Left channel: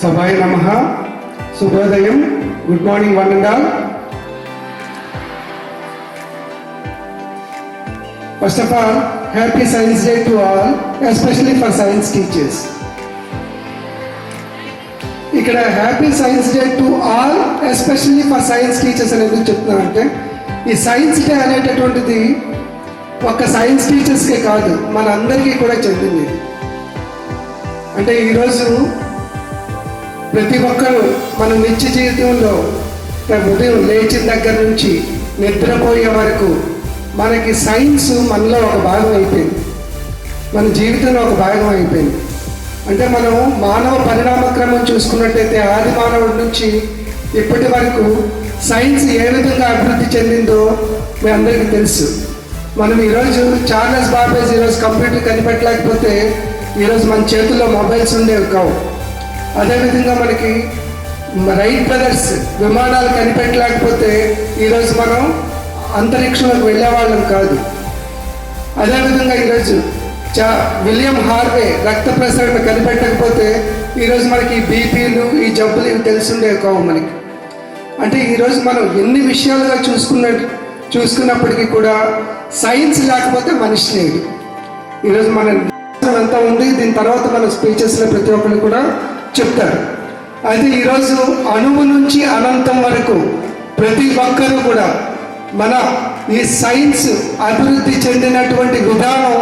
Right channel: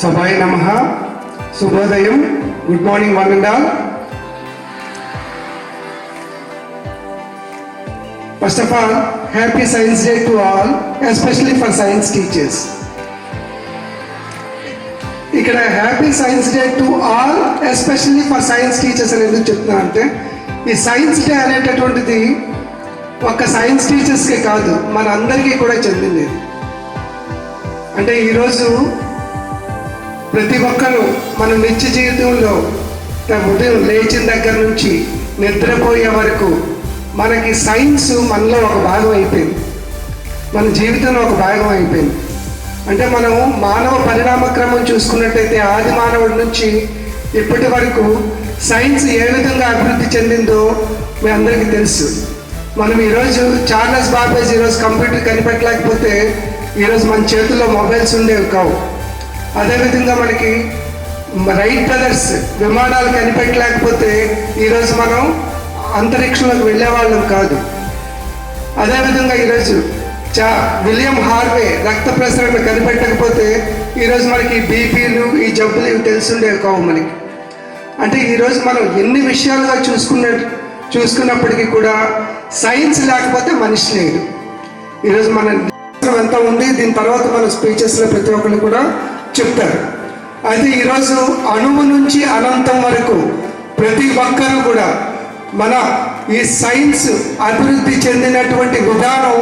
Sabhaya Namaha, Subhodayam, good morning one and all. First of all, happy Science Day to all, especially for science teachers. ఇక్కడ happy science day to all especially for science teachers అని ఎందుకు చెప్తున్నా అంటే ఈ science day అనేటటువంటిది ఒక science టీచర్స్కే కాదు మన అందరికీ కూడా చెందింది. అంటే ఈరోజు ప్రతి ఒక్కరు మన నిత్య జీవితంలో ఉదయం లేచిన దగ్గర నుంచి నిద్రపోయే వరకు మనకి సైన్స్ మనలో ఒక భాగం అయిపోయింది, మన జీవితంలో ఒక భాగం అయిపోయింది. అంటే మనం మానవ పరిణామ క్రమం చూసుకున్నట్టయితే ఆది మానవుడి నుంచి ఇప్పటి వరకు సైన్స్ ఏ విధంగా అభివృద్ధి చెందిందో మీ అందరికీ తెలుసు. మనం ఈరోజు చార్లెస్ బాబేజ్ ఈరోజు కంప్యూటర్ కనిపెట్టలేకపోతే ఈరోజు మన చేతుల్లో మొబైల్స్ ఉండేవి కావు. అదేవిధంగా మనకి రైట్ బ్రదర్స్ విమానాలు కనిపెట్టలేకపోతే ఈరోజు మనం అంతరిక్షంలోకి వెళ్ళేవాళ్ళం కాదు. అదేవిధంగా ఈరోజు విలియం హార్వే రక్త ప్రసరణ కనిపెట్టకపోతే ఈరోజు మనకి బీపీలు ఈ జబ్బులు ఇవి తెలుసుండేవి కావు మనకి. అంటే ఈరోజు మనం ఎన్ని విషయాలుగా చూసుకున్నప్పటికీ కూడా సైన్స్ లేకపోతే మనిషి లేదు. ఈరోజు మన ఎంత ఉంది, దీని తర్వాత మన స్పీచెస్లో ప్రతి ఒక్కరు కూడా చెప్తారు. అది ఈరోజు అణువు నుంచి అనంతం వరకు ప్రతి ఒక్కరూ కూడా మన ఈ సైన్స్ అభివృద్ధి చెందినటువంటి విధానం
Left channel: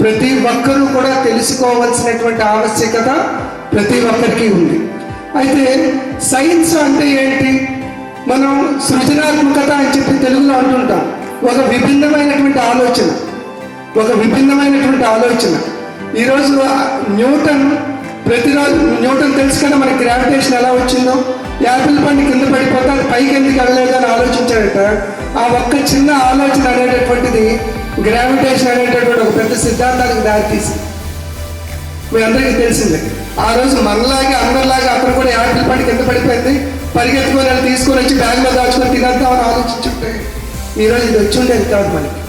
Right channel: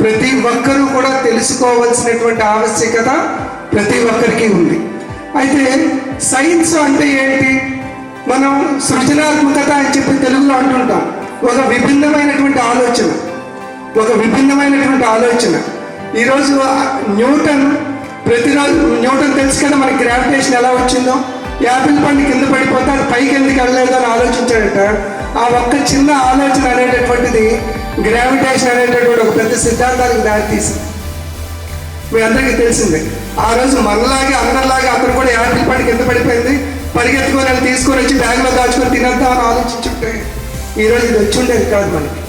ప్రతి ఒక్కరూ కూడా తెలుసుకోవాల్సినటువంటి ఆవశ్యకత ప్రతి ఒక్కరికి ఉంది. అయితే సైన్స్ అంటే ఏంటి? మనం సృజనాత్మకత అని చెప్పి తెలుగులో అంటుంటాం. ఒక విభిన్నమైనటువంటి ఆలోచన. ఈరోజు న్యూటన్ తెలుసు కదా మనకి గ్రావిటేషన్ ఎలా వచ్చిందో. యాపిల్ పండు కింద పడిపోతే పైకి ఎందుకు వెళ్ళలేదు అని ఆలోచించాడట. ఆ ఒక్క చిన్న ఆలోచన అనేటటువంటిది గ్రావిటేషన్ అనేటటువంటి ఒక పెద్ద సిద్ధాంతానికి దారితీసింది. మీ అందరికీ తెలిసిందే. ఆ రోజు మనలాగే అందరిలాగే అతను కూడా యాపిల్ పండు కింద పడిపోయింది, పరిగెత్తుకొని వెళ్ళి తీసుకొని వచ్చి బ్యాగ్లో దాచుకొని తినేద్దామని ఆలోచించుంటే ఈరోజు ఇది వచ్చి ఉండేది కాదు మనకి.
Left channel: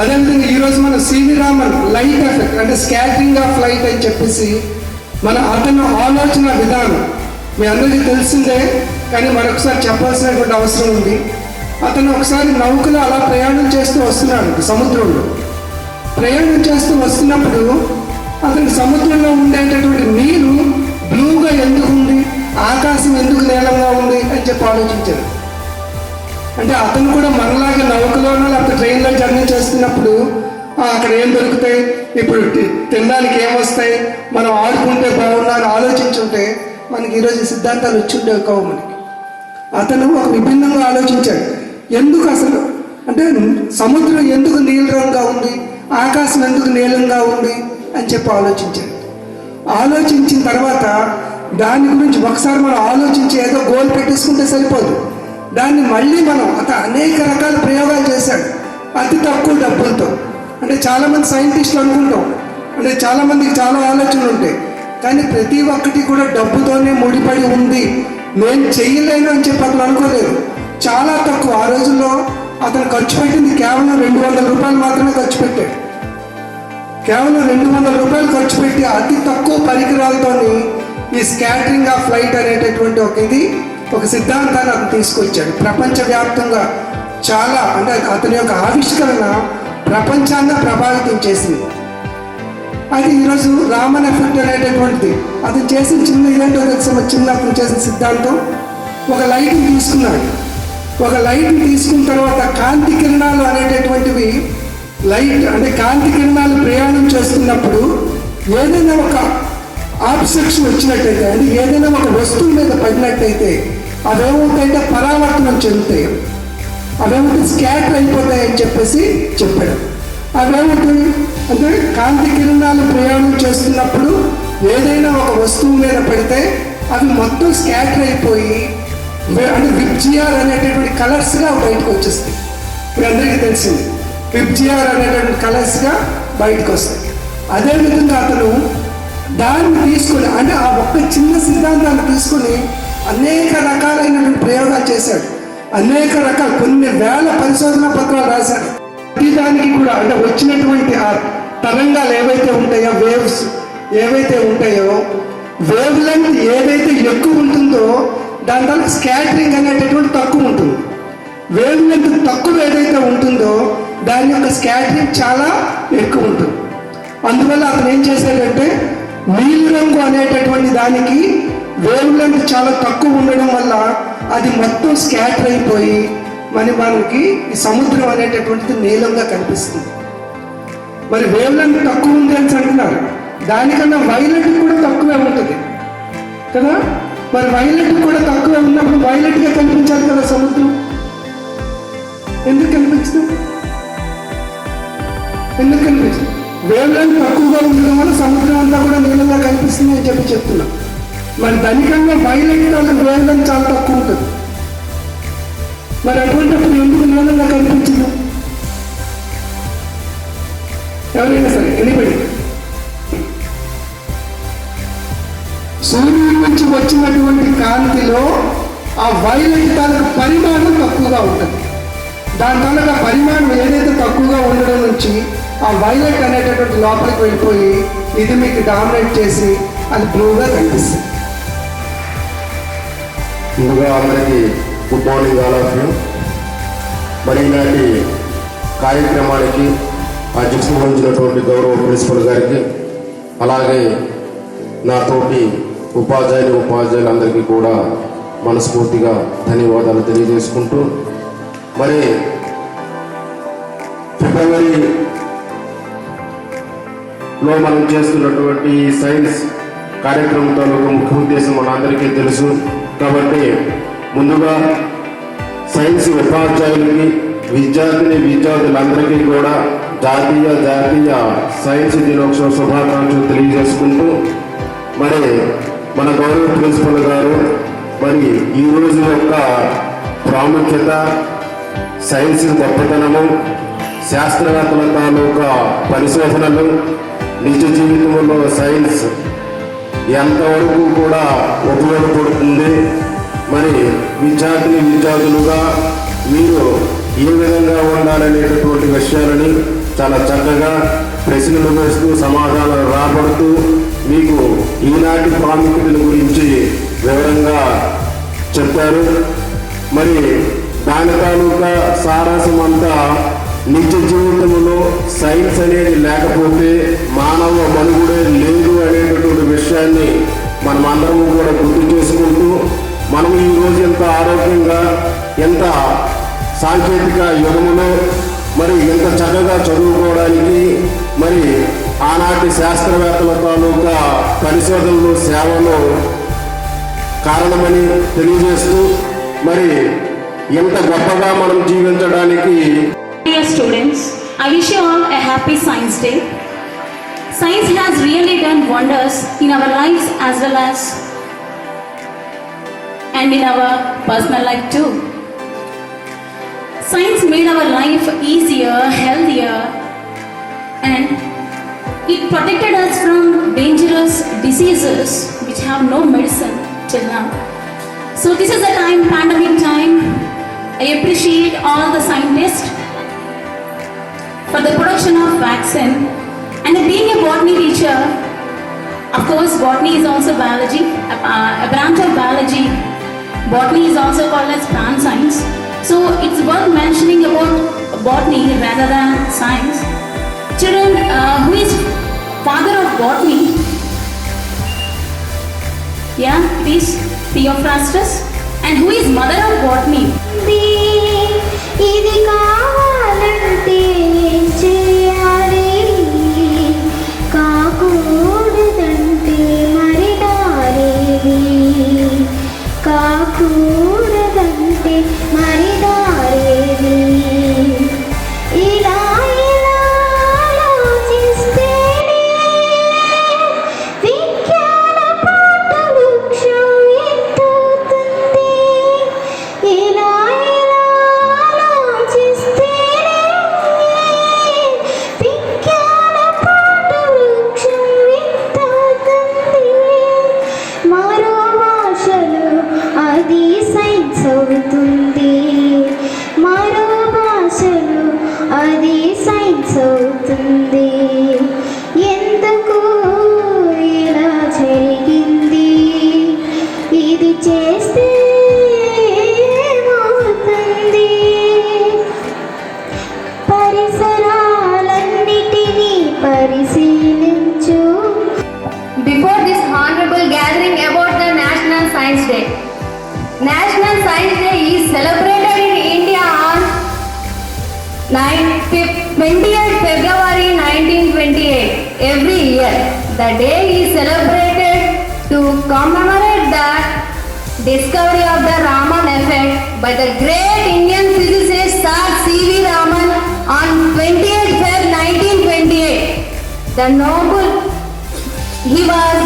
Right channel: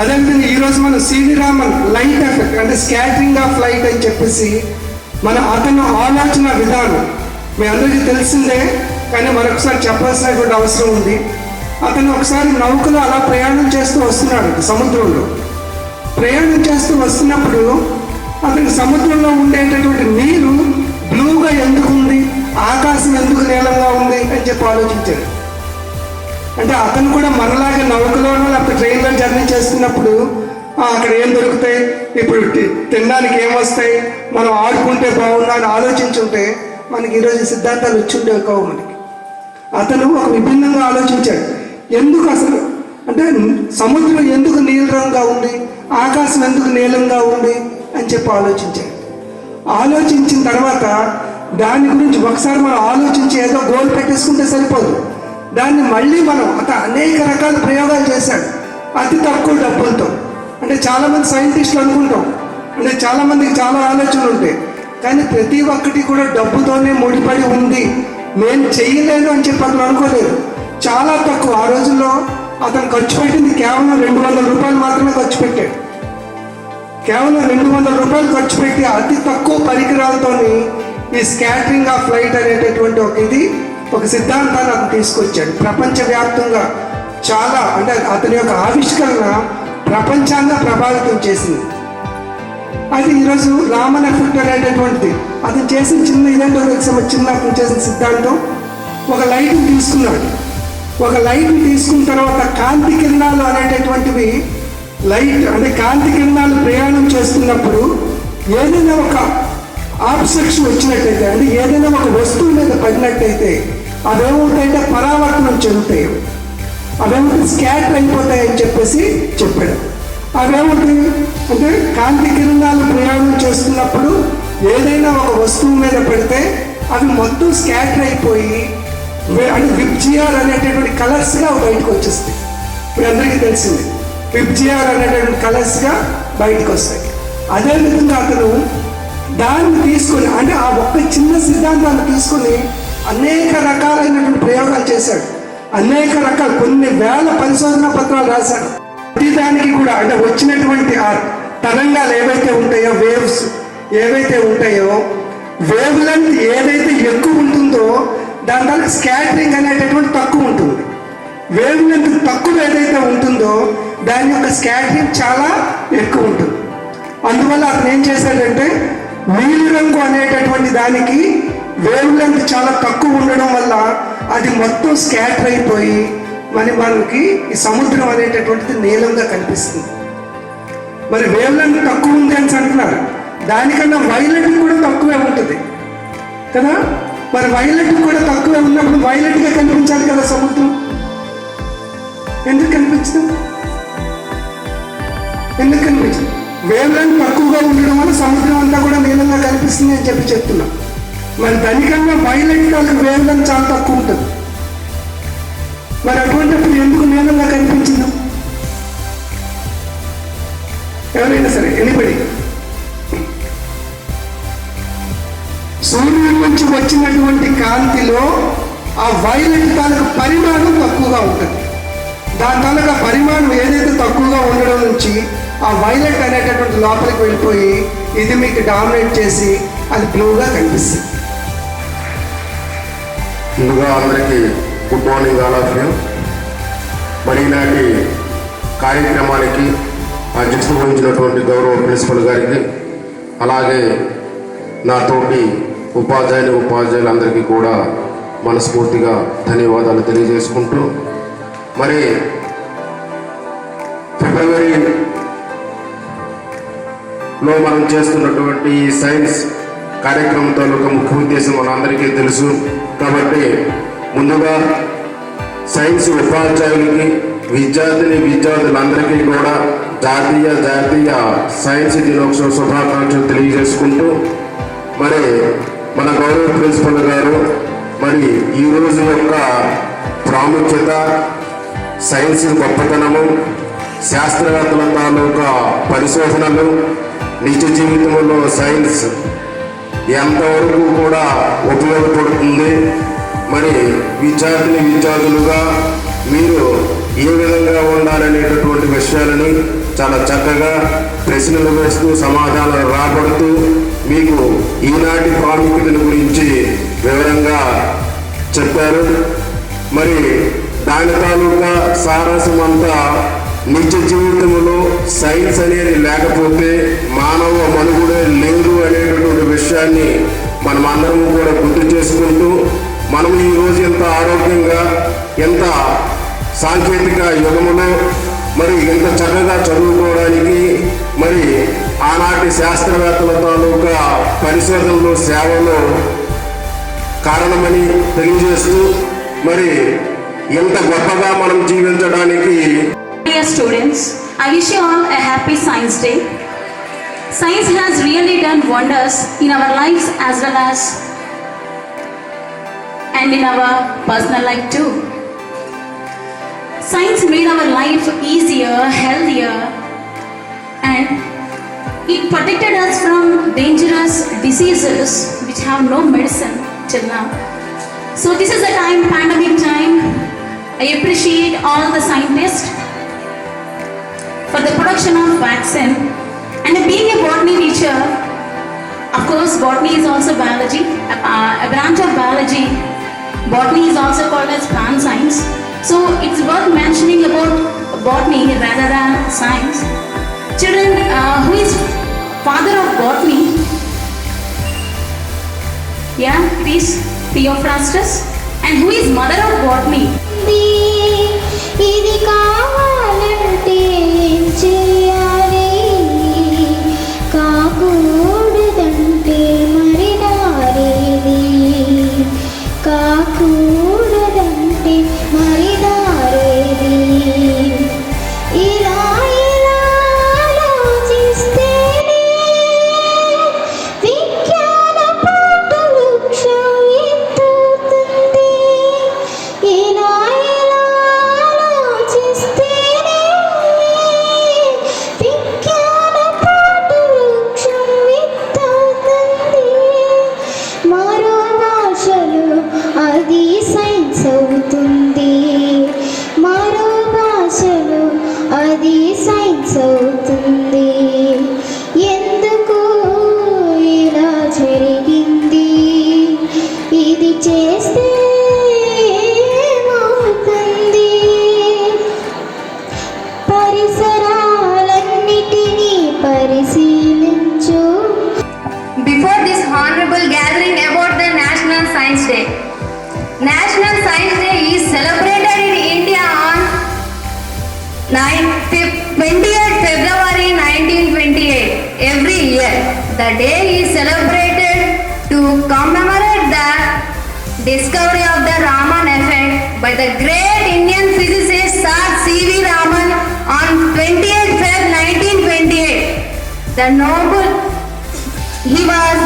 అదేవిధంగా ఈరోజు మనం సివి రామన్ లైట్ ఎఫెక్ట్ అంటే స్కాటరింగ్ ఆఫ్ లైట్ అని చెప్పేసి అతను ఆలోచన విధానం మీ అందరికీ తెలిసిందే, కానీ మరొకసారి చెప్పాల్సినటువంటి అవసరం ఉంది. అతను ఒకసారి నౌకలో అలా ప్రయాణం చేస్తూ వస్తున్నాడు. సముద్రంలో ప్రయాణం చేస్తూ వస్తున్నప్పుడు అతనికి సముద్రంలో ఉండేటటువంటి నీరు బ్లూగా ఎందుకు ఉంది, ఆకాశం ఎందుకు నీలంగా ఉంది అని చెప్పి ఆలోచించాడు. అంటే అతను కూడా మనలాగా నౌకలోనో లేకపోతే ట్రైన్లో జర్నీ చేస్తున్నప్పుడు అక్కడ ఏం దొరుకుతాయి, ఇప్పుడు తినడానికి ఏమొస్తాయి, మనం ఆడుకుంటే బాగున్నా అని ఆలోచించుంటే మనకి ఈరోజు సిద్ధాంతాలు వచ్చిండేవి కావు మనకి. అతను ఒక విభిన్నంగా ఆలోచించాడు. ఎందుకు అసలు అంటే సముద్రం ఎందుకు నీలంగా ఉంది, ఆకాశం ఎందుకు నీలంగా ఉంది అని చెప్పి ఆలోచించాడు. ఆలోచించిన తర్వాత దాని గురించి ఒకసారి మనం ఆలోచించి ఏదో గోల్ పెట్టేసుకుంటే సరిపోదు. దాన్ని మళ్ళీ మనం అనేక రకాల ప్రయోగాలు చేశాడు అతి తక్కువ డబ్బులతో. అంటే చాలామంది సైంటిస్టులు అనుకుంటాం, అంటే చాలామందికి చాలా ఆలోచనలు ఉంటాయి, కానీ ప్రతి ఒక్కటి కూడా డబ్బుతోనే ముడిపడి ఉంది. నేను చెయ్యలేను అని చెప్పి అతను అనుకోలేదు. చాలా తక్కువ. ఆ రోజుల్లో అతను ఖర్చు పెట్టింది కేవలం 200 రూపాయలు మాత్రమే ఖర్చు పెట్టాడు. కేవలం 200 రూపాయలు ఖర్చు పెట్టి అతి తక్కువ పరికరాలతో ఈ స్కాటరింగ్ ఆఫ్ లైట్ అనేటటువంటి ఒక సిద్ధాంతాన్ని అతను తీసుకొచ్చాడు. ప్రపంచవ్యాప్తంగా చాలా అంటే అతని యొక్క ఆవిష్కరణ ప్రపంచాన్ని ప్రభావితం చేసింది. అది ఈరోజు రామన్ ఎఫెక్ట్ అనేటటువంటిది అతను చేసిన ఇదేంటో చిన్న అతను చేసిన సిద్ధాంతం. ఒక లైట్ని తీసుకున్న తర్వాత కాంతి కిరణాలు అనేటటువంటివి లైట్ అంటే కాంతి కిరణాలు ప్రయాణం చేస్తున్నప్పుడు ఏదైనా ఒక ఆబ్జెక్ట్స్ వచ్చినట్టయితే అంటే ఏదైనా ఒక వస్తువు మీద పడినట్టయితే అవేమవుతాయంటే పరావర్తనం చెందుతాయి, అవేమిటి స్కాటర్ అయిపోతాయని చెప్పేసి చెప్పాడు. అవేమిటి అంటే కాంతి కిరణాలు ప్రయాణం చేస్తున్నప్పుడు ఏదైనా ఒక వస్తువు మీద పడితే అవి మొత్తం స్కాటర్ అయిపోయి అంటే విబ్జిఆర్ అనేటటువంటి కలర్స్గా బయటకు వచ్చేస్తాయి. ఇప్పుడు అందరికీ తెలిసింది విబ్జిఆర్ అనేటటువంటి కలర్స్గా బయటకు వస్తాయి. అదేవిధంగా అతను దాన్ని తీసుకొని అంటే ఆ ఒక్క చిన్న సిద్ధాంతాన్ని తీసుకొని అనేక రకాలైనటువంటి ప్రయోగాలు చేశాడు. అనేక రకాల కొన్ని వేల పరిశోధనా పత్రాలు రాశాడు. ప్రతిదానికి కూడా అంటే వచ్చినటువంటి ఆ తరంగాలు ఏవైతే ఉంటాయో వేవ్స్ ఏవైతే ఉంటాయో వేవ్ లెంత్ ఏదైతే ఎక్కువ ఉంటుందో దాని దానికి స్కాటరింగ్ అనేటటువంటి తక్కువ ఉంటుంది. వేవ్ లెంత్ తక్కువ ఏదైతే ఉంటుందో దాని యొక్క స్కాటరింగ్ చాలా ఎక్కువ ఉంటుంది. అందువల్ల అతను ఏం చేశాడంటే నీలిరంగు అనేటటువంటి దానికి వేవ్ లెంత్ చాలా తక్కువ ఉండడం వల్ల అది మొత్తం స్కాటర్ అయిపోయి మనకి ఈ సముద్రం అనేటటువంటిది నీలంగా కనిపిస్తుంది. మరి వేవ్ లెంత్ తక్కువ ఉంది అని అంటున్నారు, దానికన్నా వైలెట్ కూడా తక్కువే ఉంటుంది కదా. మరి వైలెట్ కూడా తక్కువే ఉన్నప్పుడు వైలెట్గా కనిపించాలి కదా సముద్రం. ఎందుకు కనిపించదు? ఎందుకు కనిపించదు? వేవ్ లెంత్ తక్కువగా ఉండడం వల్ల సముద్రం అంతా కూడా నీలంగా కనిపిస్తుంది అని చెప్తున్నా. మరి ధనికంగా వైలెట్ కాదు, వేవ్ లెంత్ చాలా తక్కువ ఉంటుంది. మరి అటువంటిప్పుడు ఎందుకు నీలంగా కనిపించదు? ఎవరైనా సరే ఎన్నిపడి సూర్యుడి నుంచి వచ్చినటువంటి కాంతిలో ఆ వైలెట్ తాలూకు పరిమాణం తక్కువగా ఉంటుంది. దాని తాలూకా పరిమాణం ఏదైతే తక్కువగా ఉండడం నుంచి ఆ వైలెట్ అనేటటువంటి లోపలికి వెళ్ళిపోయి ఇది మీకు డామినేట్ చేసి అది బ్లూగా కనిపిస్తుంది. ముందుగా అందరికీ good morning all of you. మరి ఈనాటి కార్యక్రమానికి అధ్యక్షత వహించినటువంటి గౌరవ ప్రిన్సిపల్ గారికి, అలాగే నా తోటి ఉపాధ్యాయులందరికీ కూడా మనస్ఫూర్తిగా ధన్యవాదాలు తెలియజేసుకుంటూ, మరి ఫిబ్రవరిలో మనం చేస్తున్నటువంటి సైన్స్ కార్యక్రమం తాలూకా ముఖ్య ఉద్దేశం మనందరికీ తెలుసు. కాబట్టి ముందుగా సైన్స్ ఉపాధ్యాయులకి, విద్యార్థులందరికీ కూడా జాతీయ సైన్స్ దినోత్సవ శుభాకాంక్షలు తెలియజేసుకుంటూ, మరి మన గౌరవ ప్రిన్సిపల్ గారు మరి ఈ రోజు యొక్క ప్రాముఖ్యత, సైన్స్ గొప్పతనము, శాస్త్రవేత్తల తాలూకా పరిశోధనలు, నిజ జీవితంలో సైన్స్ ఎంతవరకు కూడా ఉపయోగపడుతుంది, మరి విద్యార్థులుగా మీరు ఏ విధంగా ఉండాలనేటటువంటి విషయాలని చాలా చక్కగా ప్రశ్నలు వేస్తూ సమాధానాలు రాబడుతూ మీకు ఈనాటి ప్రాముఖ్యతల గురించి వివరంగా చెప్పారు. మరి దాని తాలూకా సారాంశం అంతా నిత్య జీవితంలో సైన్స్ అనేది లేకపోతే మానవ మనుగడే లేదు అనేటటువంటి విషయాన్ని మనం అందరం కూడా గుర్తు చేసుకుంటూ, మనం ఈరోజు ఎంత ఆరోగ్యంగా, ఎంత సాంకేతిక యుగంలో మరి ఎంత చక్కగా చదువుకోవడానికి మరి ఆనాటి శాస్త్రవేత్తల తాలూకా పరిశోధనలు, సేవలు కారణమని తెలియజేస్తూ, మరి ఎంత గొప్పగా మనం జీవించడానికి. Dear students, I wish you all a happy Science Day. Science has really done wonders in our lives as well as and in our personal life too. Science made our life easier, healthier, and it protected us from dangerous diseases which have no medicine till now. So this is a time, pandemic time. I appreciate all the scientists for the production of vaccine, and being a botany teacher, of course botany is also biology, a branch of biology. Botany is also called as plant science, so it's worth mentioning about botany rather than science. Children, who is father of botany? Yeah, please, Theophrastus. And who is mother of botany? ఇది కావాలంటే ఏం చేయాలి, కాకూడదంటే మరి దారేది, కాకూడదంటే మరి దారేది. ఇలా ఆలోచిస్తేనే విజ్ఞాన పాట వృక్షం ఎత్తుతుంది. ఇలా 28th February 1928. Every year, the day is celebrated to commemorate the discovery of the Raman effect by the great Indian physicist Sir C.V. Raman on 28th Feb 1928. He was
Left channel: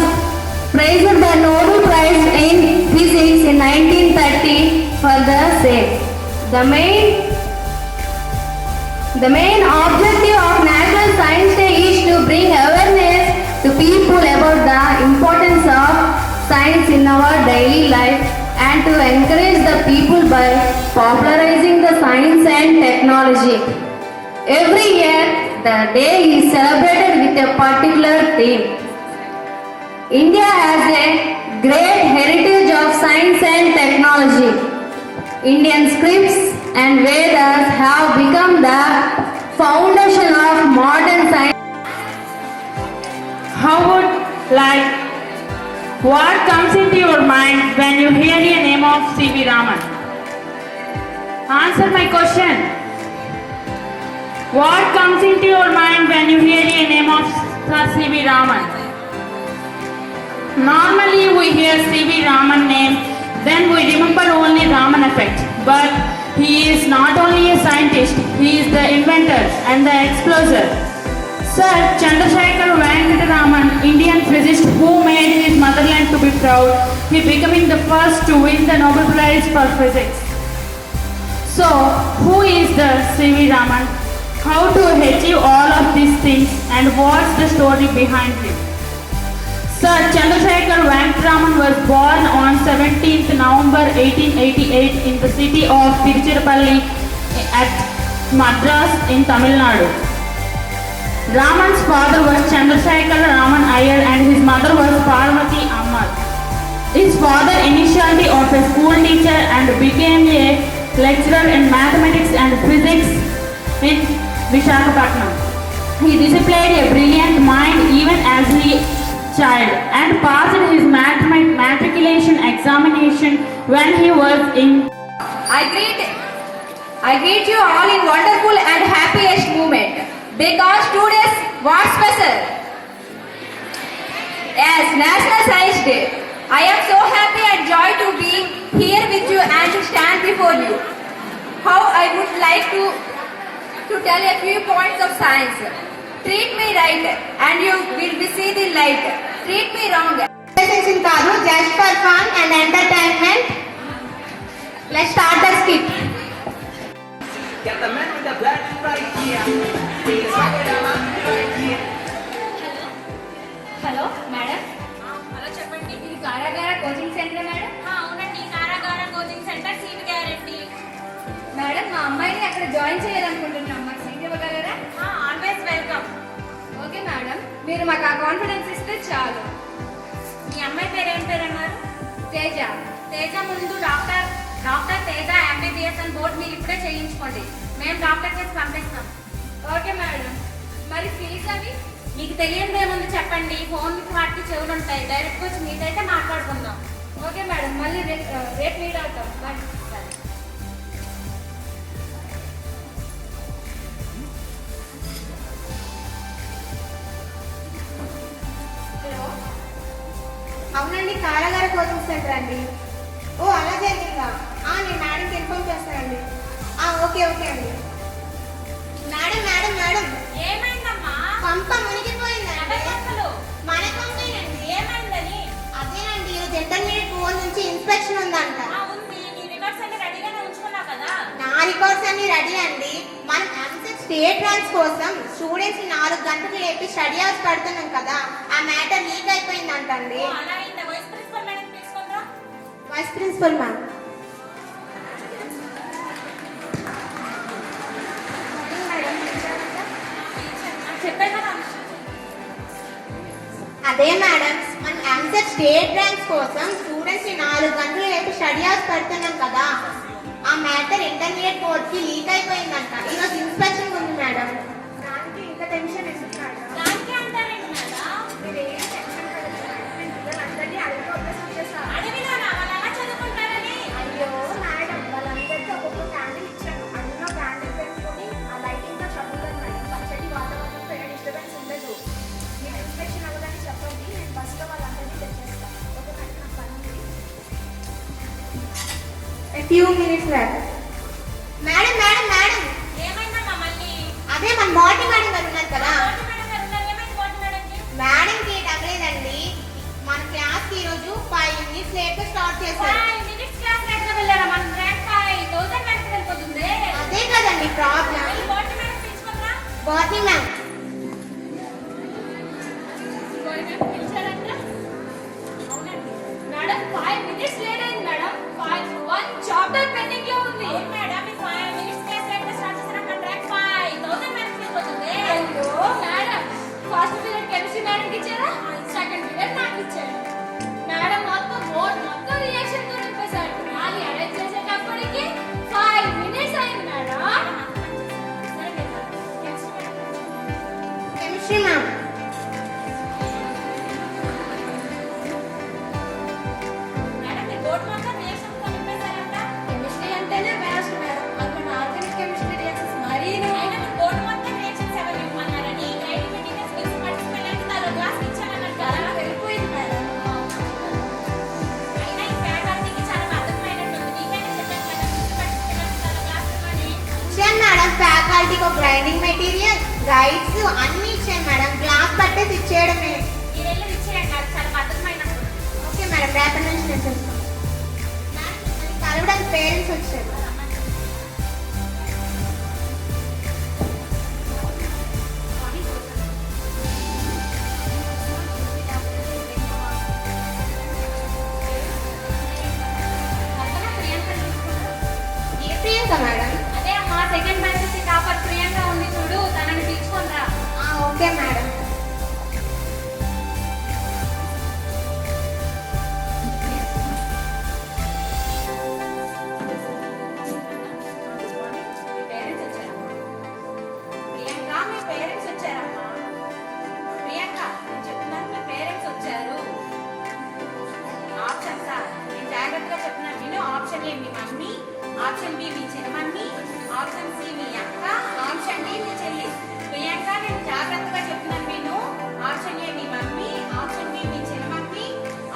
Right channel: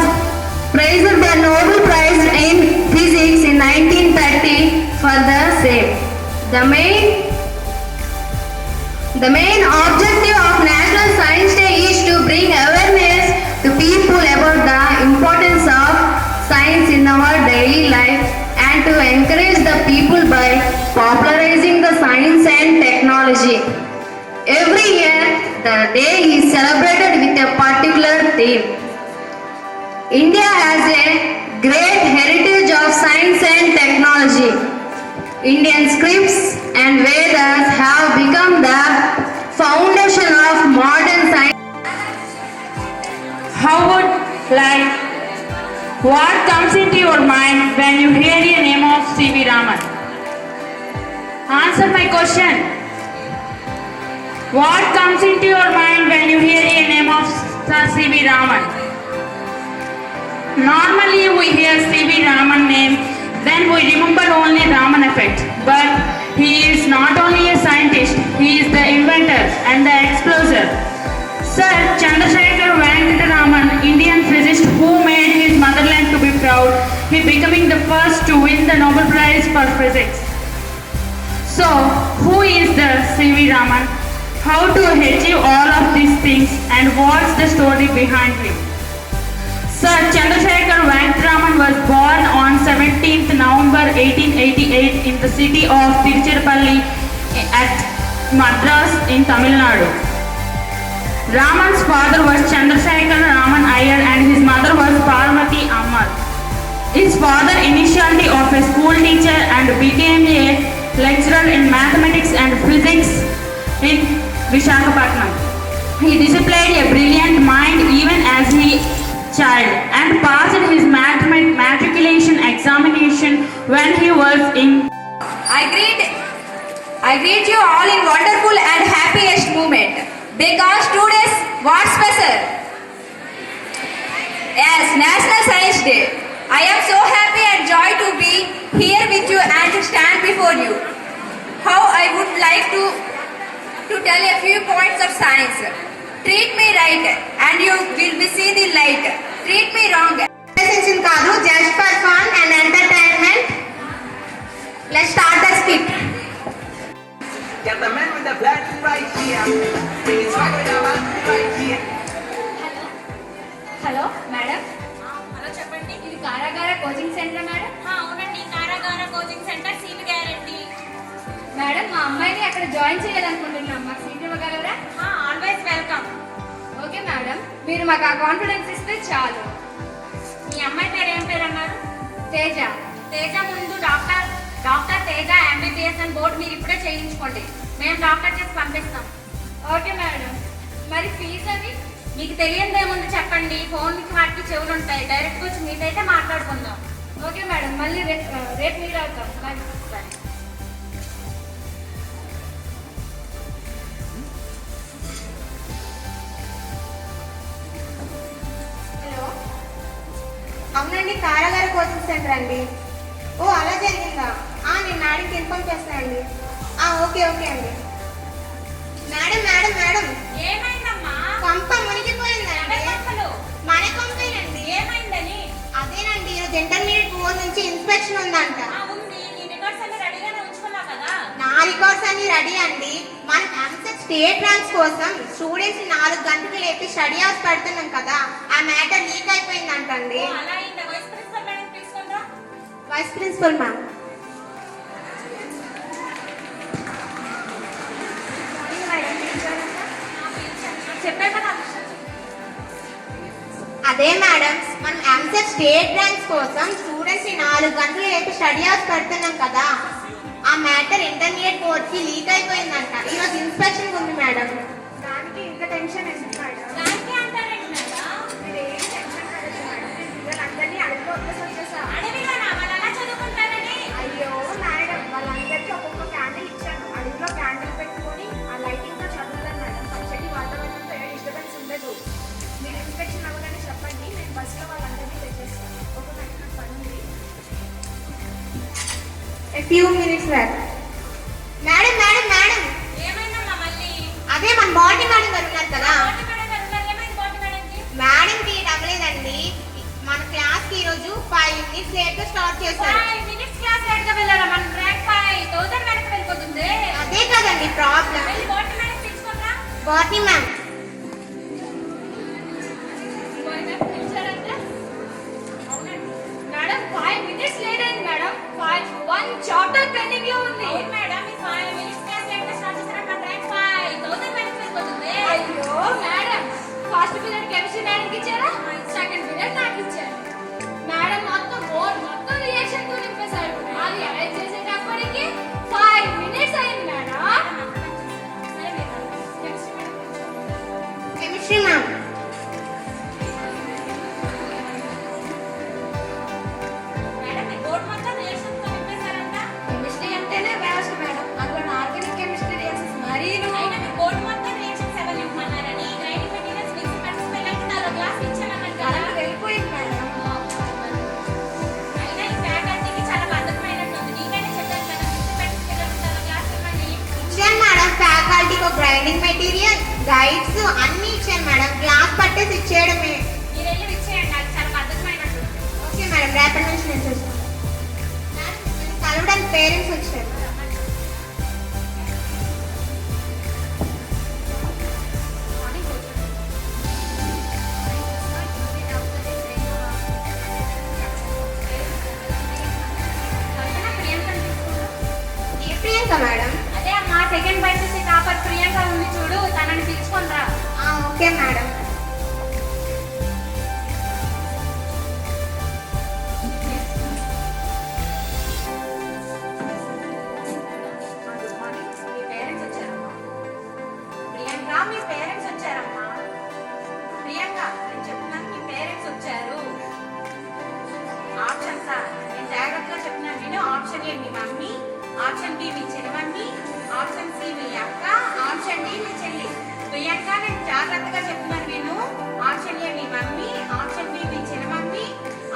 praised by Nobel Prize in Physics in 1930 for the same. The main objective of National Science Day is to bring awareness to people about the importance of science in our daily life and to encourage the people by popularizing the science and technology. Every year, the day is celebrated with a particular theme. India has a great heritage of science and technology. Indian scripts and Vedas have become the foundation of modern science. What comes into your mind when you hear the name of C.V. Raman? Answer my question. What comes into your mind when you hear the name of Sir C.V. Raman? Normally we hear C.V. Raman name, then we remember only Raman effect. But he is not only a scientist, he is the inventor and the explorer. Sir Chandrasekhar Venkata Raman, Indian physicist who made his motherland to be proud, he becoming the first to win the Nobel Prize for Physics. So, who is the C.V. Raman? How to achieve all of these things and what's the story behind him? Sir Chandrasekhar Venkata Raman was born on 17th November 1888 in the city of Tiruchirappalli at Madras in Tamil Nadu. Raman's father was Chandrasekhar Raman Iyer and his mother was Parvati Ammal. His father initially of a school teacher and became a lecturer in mathematics and physics in Visakhapatnam. He displayed a brilliant mind even as a child and passed his matriculation examination when he was in. I greet you all in wonderful and happiest moment because today's what special? Yes, National Science Day. I am so happy and joy to be here with you and to stand before you. How I would like to tell a few points of science. Treat me right and you will see the light. Treat me wrong. Presentation కాదు just for fun and entertainment. Let's start the skit. Get the man with the black right here. Please walk it out right here. Hello madam. Hello చెప్పండి. ఇది Karagara coaching centre madam. అవునండి, Karagara coaching centre seat guarantee. Madam మా అమ్మాయిని అక్కడ join చేయాలనుకుంటున్నాం, మాకు seat ఇవ్వగలరా? Always welcome. Okay madam, మీరు మాకు ఆ కాన్ఫిడెన్స్ ఇస్తే చాలు. మీ అమ్మాయి పేరు ఏం పేరు అన్నారు? తేజ. తేజ ముందు డాక్టర్ తేజ MBBS అని బోర్డు మీరు ఇప్పుడే చేయించుకోండి. మేము డాక్టర్ చేసి పంపిస్తాం. ఓకే మేడం, మరి ఫీజు అవి? మీకు తెలియదు ఏముంది చెప్పండి. ఫోన్కి వాటికి చెవులు ఉంటాయి. డైరెక్ట్గా వచ్చి మీతైతే మాట్లాడుకుందాం. ఓకే మేడం, మళ్ళీ రేపు మీట్ అవుతాం. బాయ్. సరే. హలో, అవునండి, కారాగార కోచింగ్ సెంటర్ అండి. ఓ అలా జరిగిందా? నేను మేడంకి ఇన్ఫార్మ్ చేస్తానండి. ఓకే అండి. మేడం ఏమైందమ్మా? పంప మునిగిపోయిందండి. ఎవరి పంపలు? మన పంపేనండి. ఏమైందని? అదేనండి, ఈరోజు ఇంటర్మీడియట్ బోర్డు నుంచి ఇన్స్పెక్షన్ ఉందంట. ఉంది. నీ రికార్డ్స్ అన్ని రెడీగానే ఉంచుకున్నావు కదా? నా రికార్డ్స్ అన్ని రెడీ అండి. మన స్టేట్ ర్యాంక్స్ కోసం స్టూడెంట్స్ 4 గంటలు లేపి స్టడీ అవర్స్ పెడుతున్నాం కదా, ఆ మ్యాటర్ లీక్ అయిపోయిందంటండి. అలా అయిందా? వైస్ ప్రిన్సిపల్ మేడం తీసుకుందా? Vice principal ma'am. చెప్పే కదా. అదే మేడం, మనం ఎంసెట్ స్టేట్ ర్యాంక్స్ కోసం స్టూడెంట్స్ 4 గంటలు లేపి స్టడీ అవర్స్ పెడుతున్నాం కదా, ఆ మ్యాటర్ ఇంటర్మీడియట్ బోర్డుకి లీక్ అయిపోయిందంట. ఈరోజు ఇన్స్పెక్షన్ ఉంది మేడం. దానికి ఇంత టెన్షన్ ఎందుకు మేడం? దానికి అంటారేంటి మేడం? మీరేం టెన్షన్ పడదు మేడం, నేను పిల్లలందరినీ అడిగి వచ్చేసా. అడవిలోనా? వాళ్ళు అలా చదువుకుంటారని? అయ్యో మేడం, వాళ్ళందరికీ ఒక్కొక్క క్యాండిల్ ఇచ్చాను. అడుగులో క్యాండిల్ పెట్టుకొని ఆ light few minutes left. Madam madam madam ఏమైందమ్మా మళ్ళీ? అదే మన బాడీ మేడం గారు ఉన్నారు కదా బోటి మేడం గారు ఉన్నారు. ఏమైంది బోటి మేడంకి? మేడంకి తగ్గలేదండి. మన క్లాస్ కి ఈరోజు 5 minutes లేట్ గా స్టార్ట్ చేశారు. 5 minutes క్లాస్ లేట్ గా వెళ్ళారా? మనం ర్యాంక్ 5000 మేడం వెళ్ళిపోతుంది. అదే కదండి ప్రాబ్లం. వెళ్ళి బోటి మేడం పిలుచుకోరా. బాడీ మ్యామ్ బోటి మేడం పిలిచారంట. అవునండి మేడం 5 minutes లేట్ అయింది మేడం. 1 చాప్టర్ పెండింగ్ లో ఉంది. అవును మేడం మీ 5 minutes క్లాస్ లేట్ గా స్టార్ట్ చేశారా? మన ర్యాంక్ 5000 మేడం వెళ్ళిపోతుంది. అయ్యో madam first period chemistry madam కి ఇచ్చారా? సెకండ్ పీరియడ్ నాకు ఇచ్చారు. మేడం మొత్తం బోర్డు మొత్తం రియాక్షన్ తో నింపేశారు. అది అరేంజ్ చేసేటప్పటికి 5 minutes అయింది మేడం. సరే మేడం కెమిస్ట్రీ మ్యామ్ మేడం మీ బోర్డు మొత్తం రియాక్షన్ తో నింపేశారంట. కెమిస్ట్రీ అంటేనే వేస్ట్ మేడం. అందులో ఆర్గానిక్ కెమిస్ట్రీ రియాక్షన్స్ మరీను. అయినా మీ బోర్డు మొత్తం రియాక్షన్స్ ఎవరు నింపమన్నారని రైడింగ్ మెటీరియల్స్ మిక్స్ పార్టిసిపేట్ నాలో క్లాస్ ఇచ్చామన్నారు కదా. వెళ్ళిపోయింది మేడం. అయినా ఈ ఫ్యాకల్టీకి చాలా అర్థమైనట్టుంది. నీకైనా చెప్పాను కదా మిక్స్ పార్టిసిపేట్ నాలో క్లాస్ ఇవ్వని. ఇచ్చాను మేడం. ఫ్యాకల్టీకి గ్రైండింగ్ మెటీరియల్ గైడ్స్ అన్ని ఇచ్చాను మేడం. క్లాస్ పట్టేసి ఇచ్చేయడమే. మీరు వెళ్ళి ఇచ్చేయండి. నాకు చాలా అర్థమైనట్టుంది. Okay madam. రేపటి నుంచి నేను చేస్తాను. మేడం మిమ్మల్ని కలవడానికి పేరెంట్స్ వచ్చారు. కల్పన ప్రియాంకని తీసుకురా. ఏ ప్రియాంక మేడం? అదే అమ్మా సెకండ్ బైసెస్ టాపర్ ప్రియాంక ఉంది చూడు, తనని పిలుచుకొని రా. Okay madam. మీ పేరెంట్స్ వచ్చారమ్మా. ప్రియాంక మీ పేరెంట్స్ వచ్చారమ్మా. ప్రియాంక నేను చెప్తున్నాను మీ పేరెంట్స్ వచ్చారు. ఆప్షన్ సార్ నేను జాగ్రత్తగా చెప్తున్నాను విను. ఆప్షన్ ఏ మీ మమ్మీ, ఆప్షన్ బి మీ చిన్నమమ్మీ, ఆప్షన్ సి మీ అక్క, ఆప్షన్ డి మీ చెల్లి. ప్రియాంక నేను జాగ్రత్తగా చెప్తున్నాను విను. ఆప్షన్ ఏ మీ మమ్మీ, ఆప్షన్ బి మీ చిన్నమమ్మీ,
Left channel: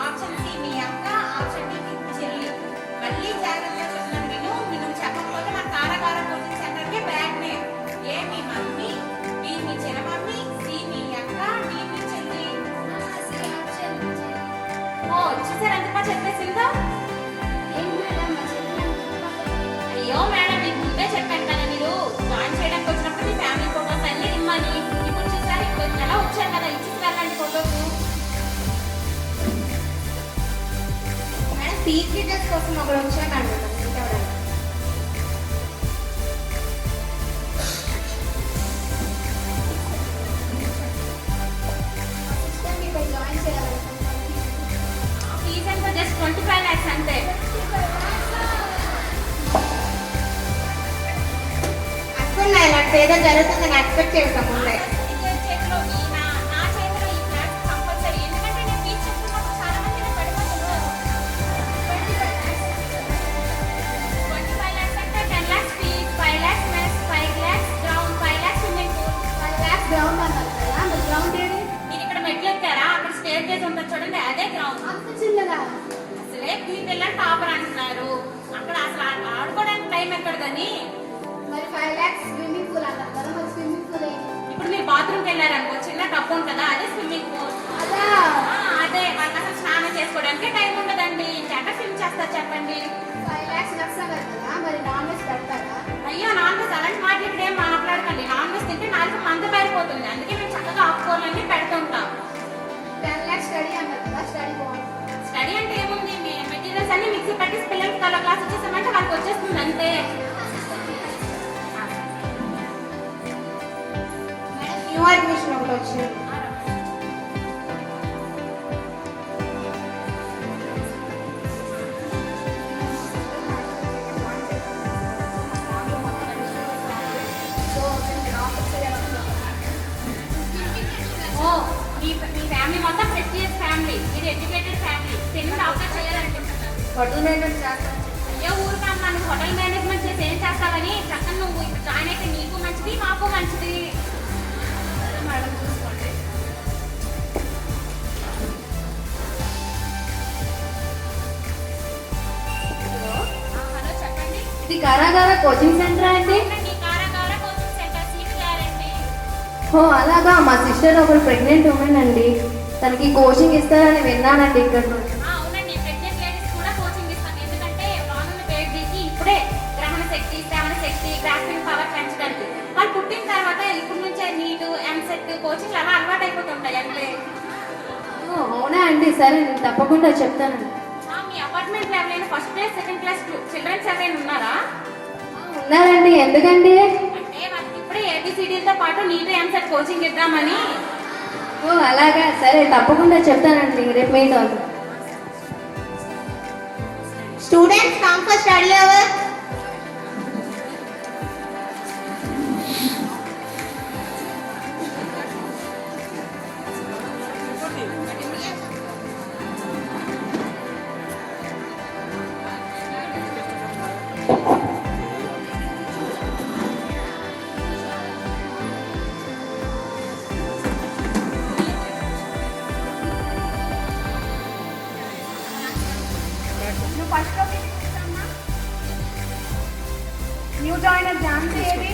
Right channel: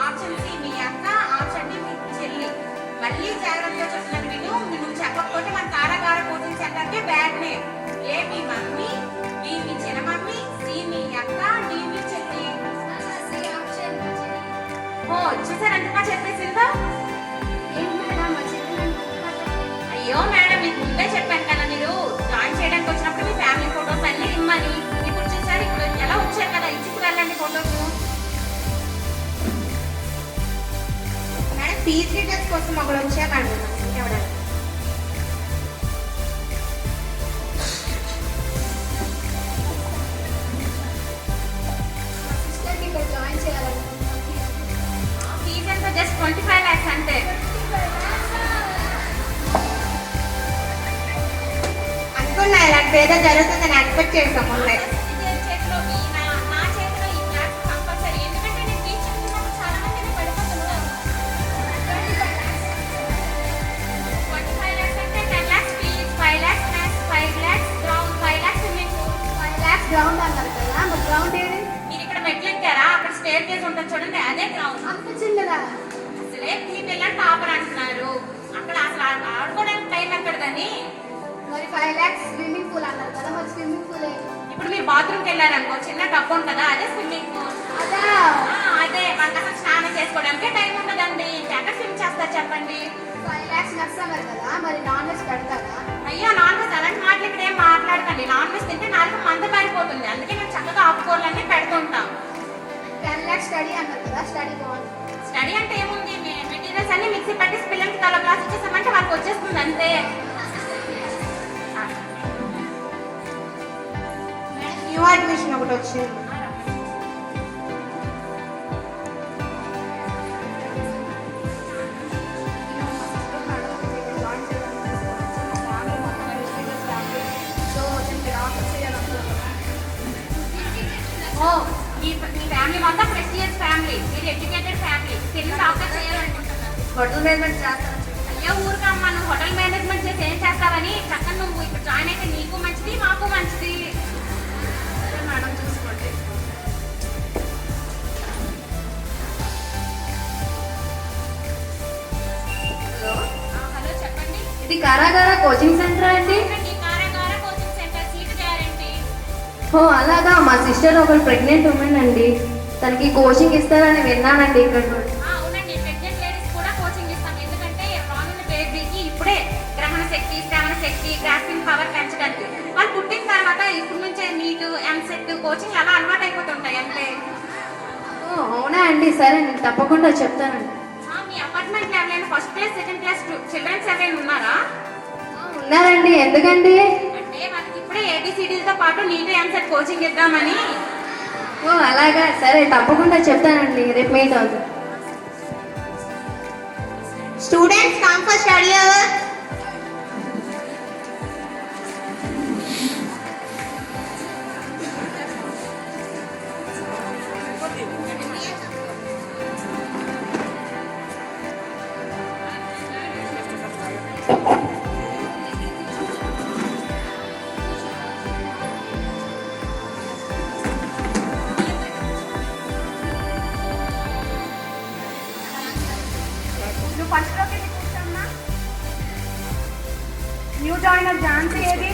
ఆప్షన్ సి మీ అక్క, ఆప్షన్ డి మీ చెల్లి. మళ్ళీ జాగ్రత్తగా చెప్తున్నాను విను. నువ్వు చెప్పకపోతే మన కారాగార కోచింగ్ సెంటర్కే బ్యాడ్ నేమ్. ఏ మీ మమ్మీ, బి మీ చిన్నమమ్మీ, సి మీ అక్క, డి మీ చెల్లి. ఓ చూసారు ఎంత బాగా చెప్పేసిందో. అయ్యో మేడం మీకు ముందే చెప్పాను కదా మీరు జాయిన్ చేయడానికి వచ్చినప్పుడు మీ ఫ్యామిలీ ఫోటోస్ అన్ని ఇమ్మని. ఇప్పుడు చూసారు ఇప్పుడు ఎలా వచ్చారు కదా, ఇచ్చి వెళ్ళండి ఫోటోస్. మేడం ఫీజ్ డీటెయిల్స్ కోసం ఒకరు వచ్చారు మేడం మిమ్మల్ని మీట్ అవ్వడానికి. జాయిన్ చేయాలనుకుంటున్నాను. ఆ ఫీజ్ ఎంత? జస్ట్ 25 lakhs అంతే. అనుకున్నా ఇలాంటి ఏదో జరుగుతుందని ఎక్స్పెక్ట్ చేసాం ముందే. చేతిలో నా చేతిలో ఈ క్లాస్ కంపల్సరీ. ఎందుకంటే నేను ఫీజ్ చెప్తున్నప్పుడు చాలా మంది నేను పడిపోతున్నారు. 25 lakhs అంటే 10 lakhs fees, 5 lakhs maths, 5 lakhs ground, 5 lakhs swimming pool. 5 lakhs ground అన్నారు కదా. మరి గ్రౌండ్ ఏది? మీరు ఇక్కడ మెట్లు ఎక్కారా? అక్కడ స్టేర్ కేజ్ ఉంటుంది చూడండి, అదే గ్రౌండ్. అంత చిన్నగా. అసలే మీ పిల్లలు టాపర్ అంటున్నారు. అక్కడ అసలు ఆడుకోవడానికి టైం ఎక్కడదని. మరి 5 lakhs స్విమ్మింగ్ పూల్ అన్నారు కదా. మరి స్విమ్మింగ్ పూల్ ఏంటి? ఇప్పుడు మీరు బాత్రూమ్కి వెళ్ళారనుకో, చిన్న టప్ ఉంటుంది అదే స్విమ్మింగ్ పూల్. అదా అదే వాళ్ళకి అసలు స్నానం చేసుకోవడానికి టైం ఉండదండి. ఎక్కడ స్విమ్ చేస్తారు చెప్పండి. 5 lakhs నర్స్ అన్నారు కదా. మరి నాన్ వెజ్ పెడతారా? అయ్యో నాన్ వెజ్ అలాంటి మాటలు ఇక్కడ ఏం మాట్లాడకండి. నాన్ వెజ్ తింటే నాలుగు మంద పారిపోతుంది. అందుకే మేము చక్కగా ఆకుకూరలన్నీ పెడుతుంటాం. 10 lakhs స్టడీ అన్నారు కదా. స్టడీ బాగుంది. స్టడీ అంటే ఏముంది, మెటీరియల్స్ అన్ని మిక్సీ పట్టేసి పిల్లలకి తల క్లాస్ వచ్చేసామంటే వాళ్ళకి వచ్చేస్తుంది అంతే. మేడం న్యూ అడ్మిషన్ ఒకటి వచ్చింది. ఓ మీ ఫ్యామిలీ మొత్తం ప్రెస్టీజియస్ ఫ్యామిలీ, మీరు ఎడ్యుకేటెడ్ ఫ్యామిలీ, పెళ్లి డాక్టర్ చేయాలనుకుంటున్నారు. హోటల్ మేనేజ్మెంట్ చేస్తాను. అయ్యో ఊరుకమ్మా, నువ్వు హోటల్ మేనేజ్మెంట్ చేసి ఏం చేస్తావని చక్కగా నువ్వు ఇక్కడ జాయిన్ అయితే నీకు మంచిది మాకు మంచిది. సరే మేడం చూసుకోండి. హలో హలో కారాగార కోచింగ్ సెంటర్ అండి? అవునండి, కారకార కోచింగ్ సెంటర్, సీట్ గ్యారంటీ. ఓ అలాగా, మా సిస్టర్ ఒకరు ప్రెగ్నెంట్ ఉమెన్ అండి, తనకి కోచింగ్ ఇస్తారని విన్నానండి ఇక్కడ. అవునండి, ప్రెగ్నెంట్ లేడీస్ కూడా కోచింగ్ ఇస్తాం. ఎందుకంటే రానున్న బేబీకి ఇప్పుడే గ్రహణ శక్తి, శ్రవణ శక్తి, గ్రాస్పింగ్ పవర్ పెంచడానికి. వాళ్ళు పుట్టిన తర్వాత ఇప్పుడు నుంచే నీట్, ఎంసెట్ కోచింగ్ అలా అలవాటు అయిపోతుంటాయి అంటే. ఓ అవునా అండి, సరే నేను తప్పకుండా చెప్తానండి. మీ అపార్ట్మెంట్ లో ఎవరైనా first class, second class childrens ఎవరైనా ఉన్నారా? ఉన్నారండి, ఎందుకండి? అంటే వాళ్ళకి ఇప్పుడే ఏబిసిడీలతో పాటు నీట్, ఎంసెట్ కోచింగ్ ఇద్దామని. ఓ అలాగా, సరే తప్పకుండా చెప్తానండి, రేపు మీట్ అవుతాం. Students come for study hour. New joiner Jhansi ఏది?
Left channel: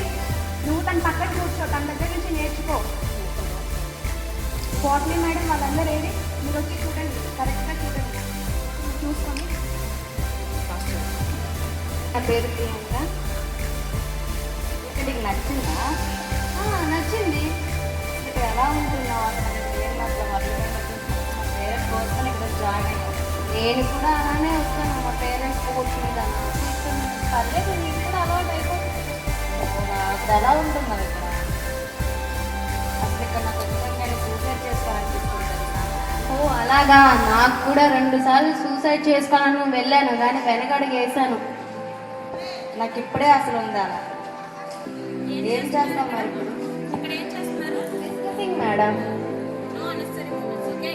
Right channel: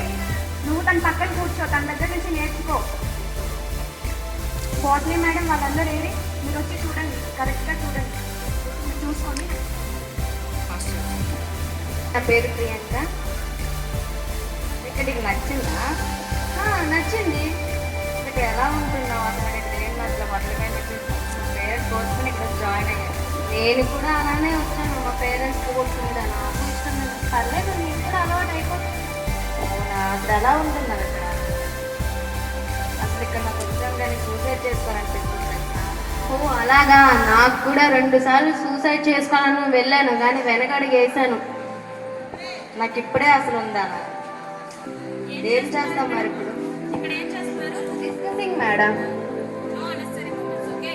నువ్వు తన పక్కన కూర్చో, తన దగ్గర నుంచి నేర్చుకో. బాట్నీ మేడం వాళ్ళందరూ ఏది? మీరు వచ్చి చూడండి, కరెక్ట్గా చూడండి, మీరు చూసుకోండి. నా పేరు ప్రియాంక. ఇక్కడ నీకు నచ్చిందా? నచ్చింది. ఇక్కడ ఎలా ఉంటున్నావు అసలు? ఇక్కడ ఏం అసలు వదలమని చెప్పేసి మా పేరెంట్స్ కోసం ఇక్కడ జాయిన్ అయ్యాను. నేను కూడా అలానే వచ్చాను, మా పేరెంట్స్ కోరుకుందా నాకు ఇష్టం. పర్లేదు, నీకు కూడా అలవాటు అయిపోతుంది. అవునా, అసలు ఎలా ఉంటున్నారు ఇక్కడ? అసలు ఇక్కడ నాకు ఎగ్జామ్ కానీ సూసైడ్ చేసుకోవాలనిపిస్తుంది. ఓ అలాగా, నాకు కూడా 2 సార్లు సూసైడ్ చేసుకోవాలని వెళ్ళాను, కానీ వెనకడుగు వేసాను. నాకు ఇప్పుడే అసలు ఉందా? ఏం చేస్తాం మరి ఇప్పుడు? ఇక్కడ ఏం చేస్తున్నారు? Discussing madam. No unnecessary moments, okay?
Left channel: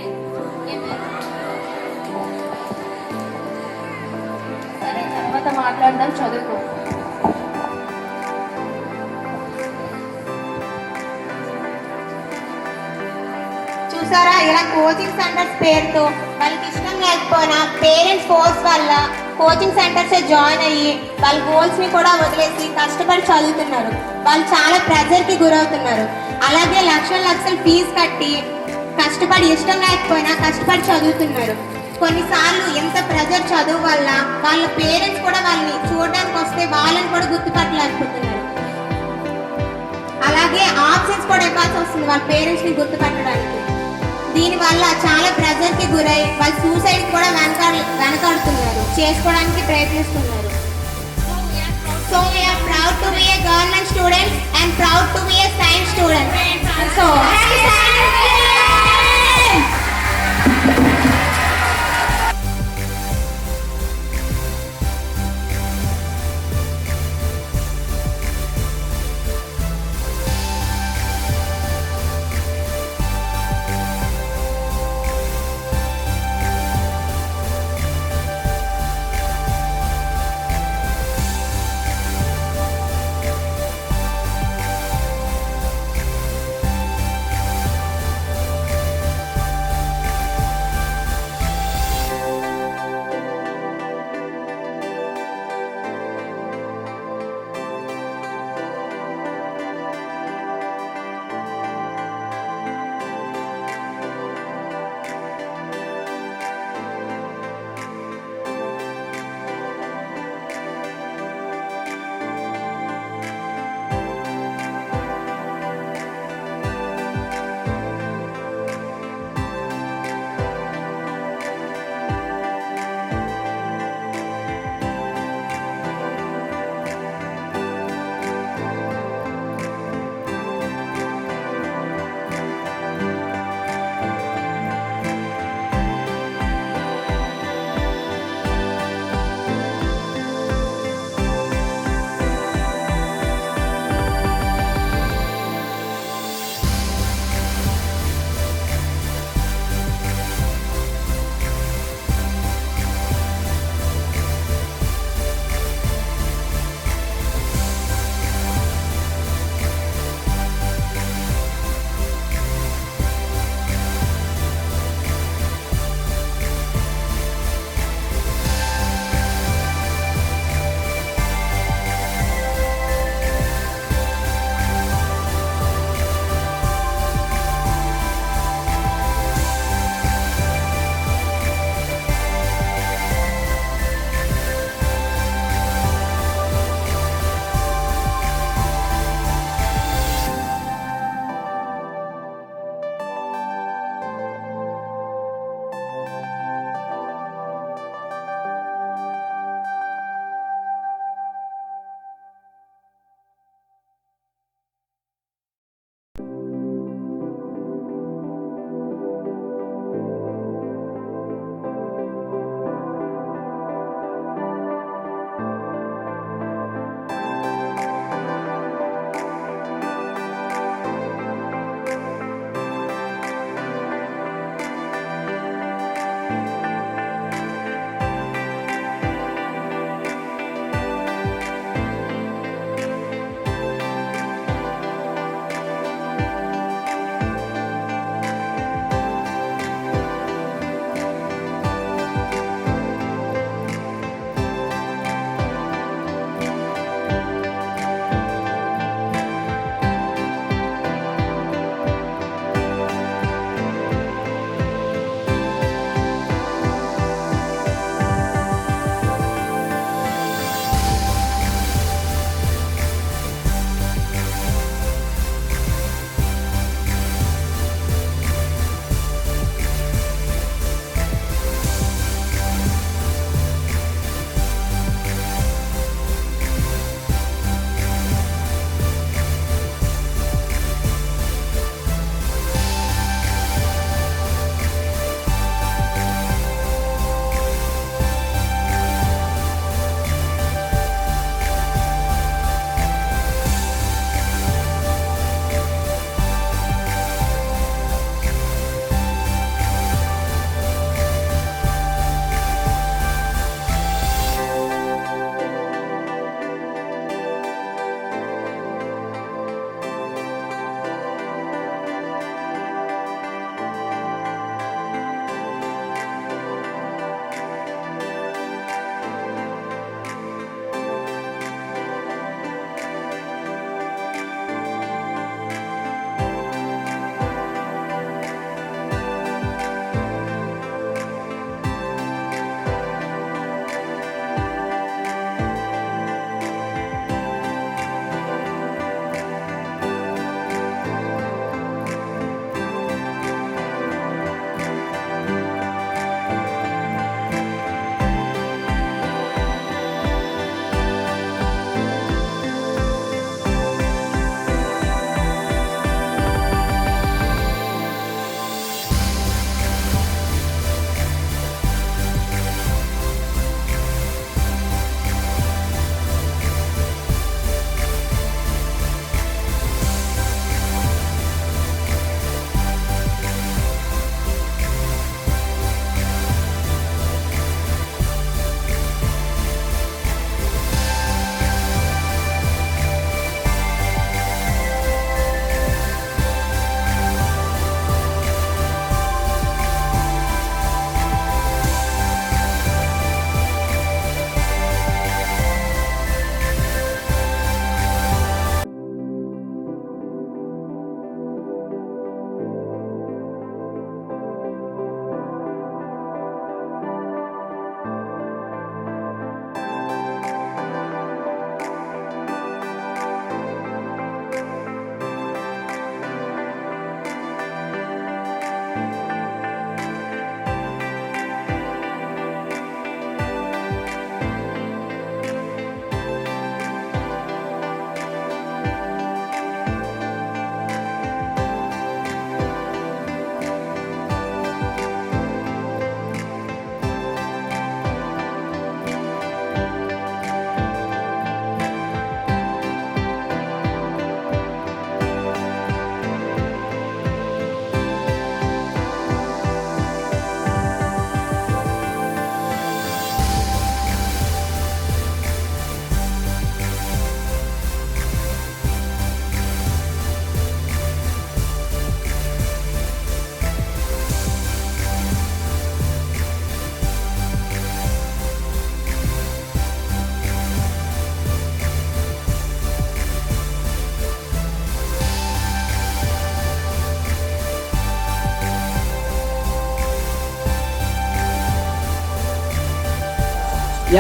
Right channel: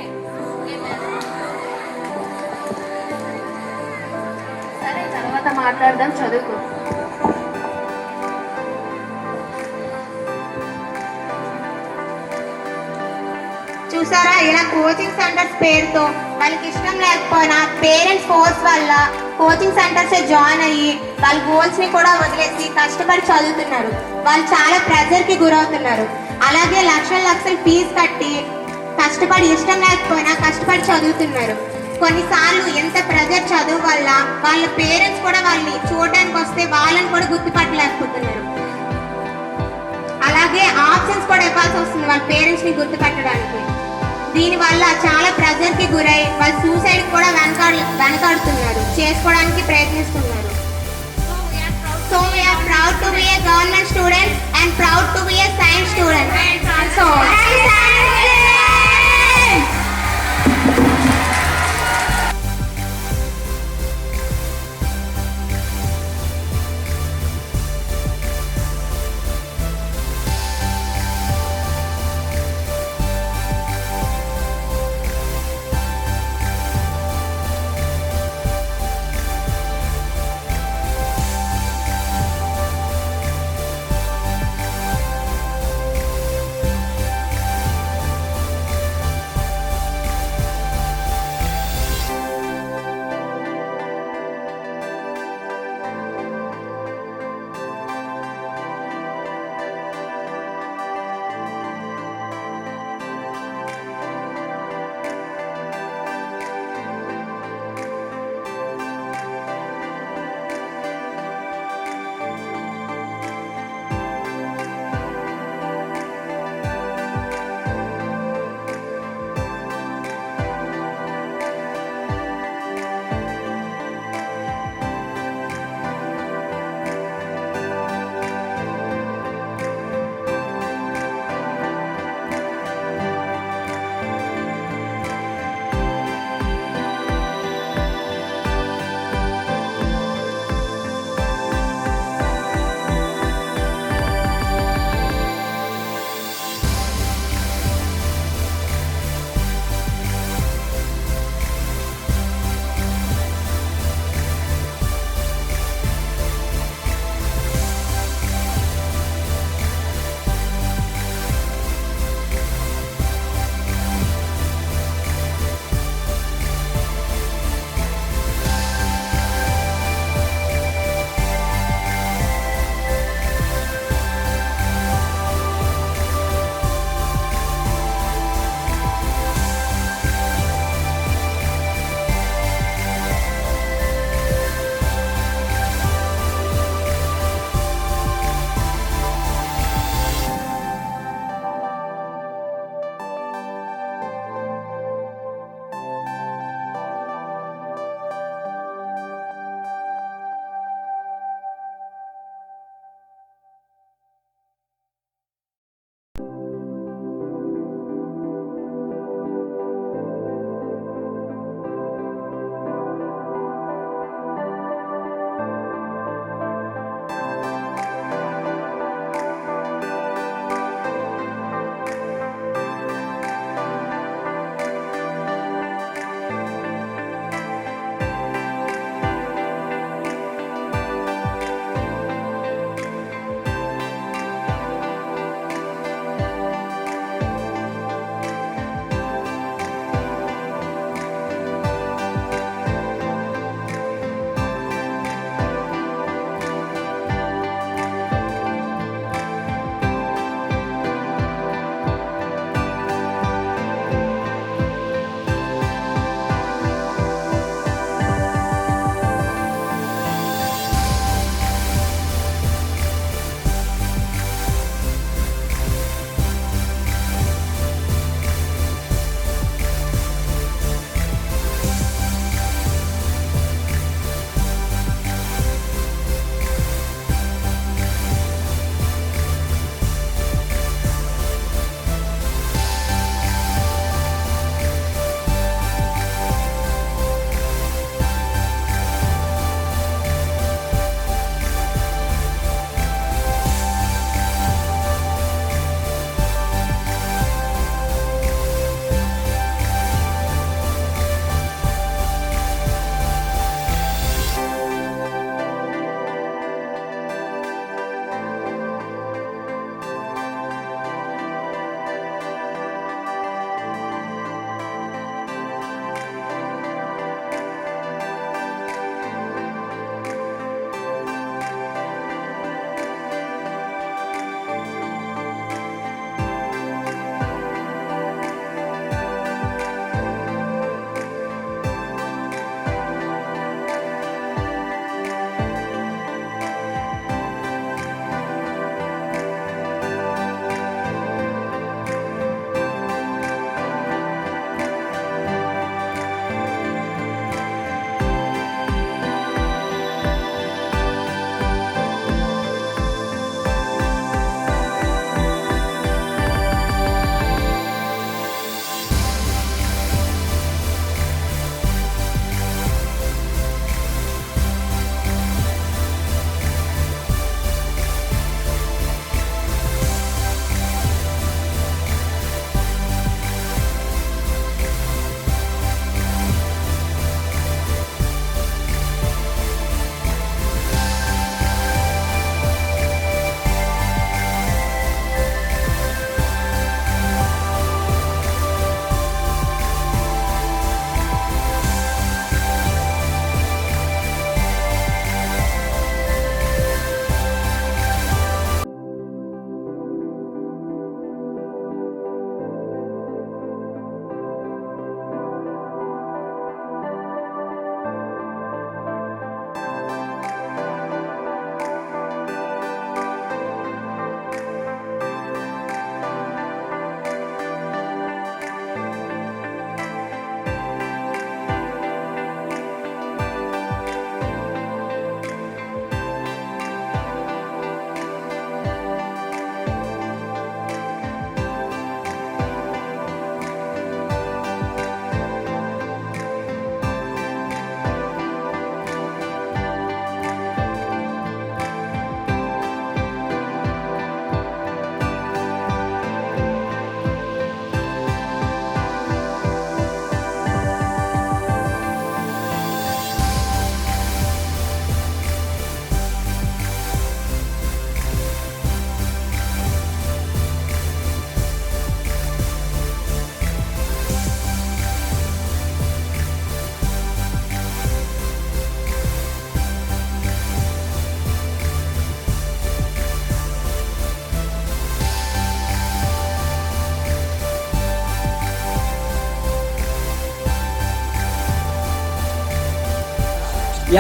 సరే, తర్వాత మాట్లాడదాం, చదువుకో. చూసారా, ఇలా కోచింగ్ సెంటర్స్ పేరుతో వాళ్ళకి ఇష్టం లేకపోయినా పేరెంట్స్ ఫోర్స్ వల్ల కోచింగ్ సెంటర్స్ జాయిన్ అయ్యి వాళ్ళ గోల్స్ ని కూడా వదిలేసి కష్టపడి చదువుతున్నారు. వాళ్ళు చాలా ప్రెజర్ కి గురవుతున్నారు. అలాగే లక్షల ఫీజు కట్టి కష్టపడి ఇష్టం లేకపోయినా కష్టపడి చదువుతున్నారు. కొన్నిసార్లు ఎంత ప్రెజర్ చదువు వల్ల వాళ్ళ పేరెంట్స్ కూడా వాళ్ళని చూడడానికి వస్తే వాళ్ళని కూడా గుర్తుపట్టలేకపోతున్నారు. అలాగే ఆప్షన్స్ కూడా ఇవ్వాల్సి వస్తుంది వాళ్ళ పేరెంట్స్ ని గుర్తుపట్టడానికి. దీనివల్ల చాలా ప్రెజర్ కి గురై వాళ్ళు సూసైడ్ కూడా వెనకాడుతున్నారు, చేసుకోవడానికి ప్రయత్నిస్తున్నారు. So we are proud to be a government student and proud to be a science student. So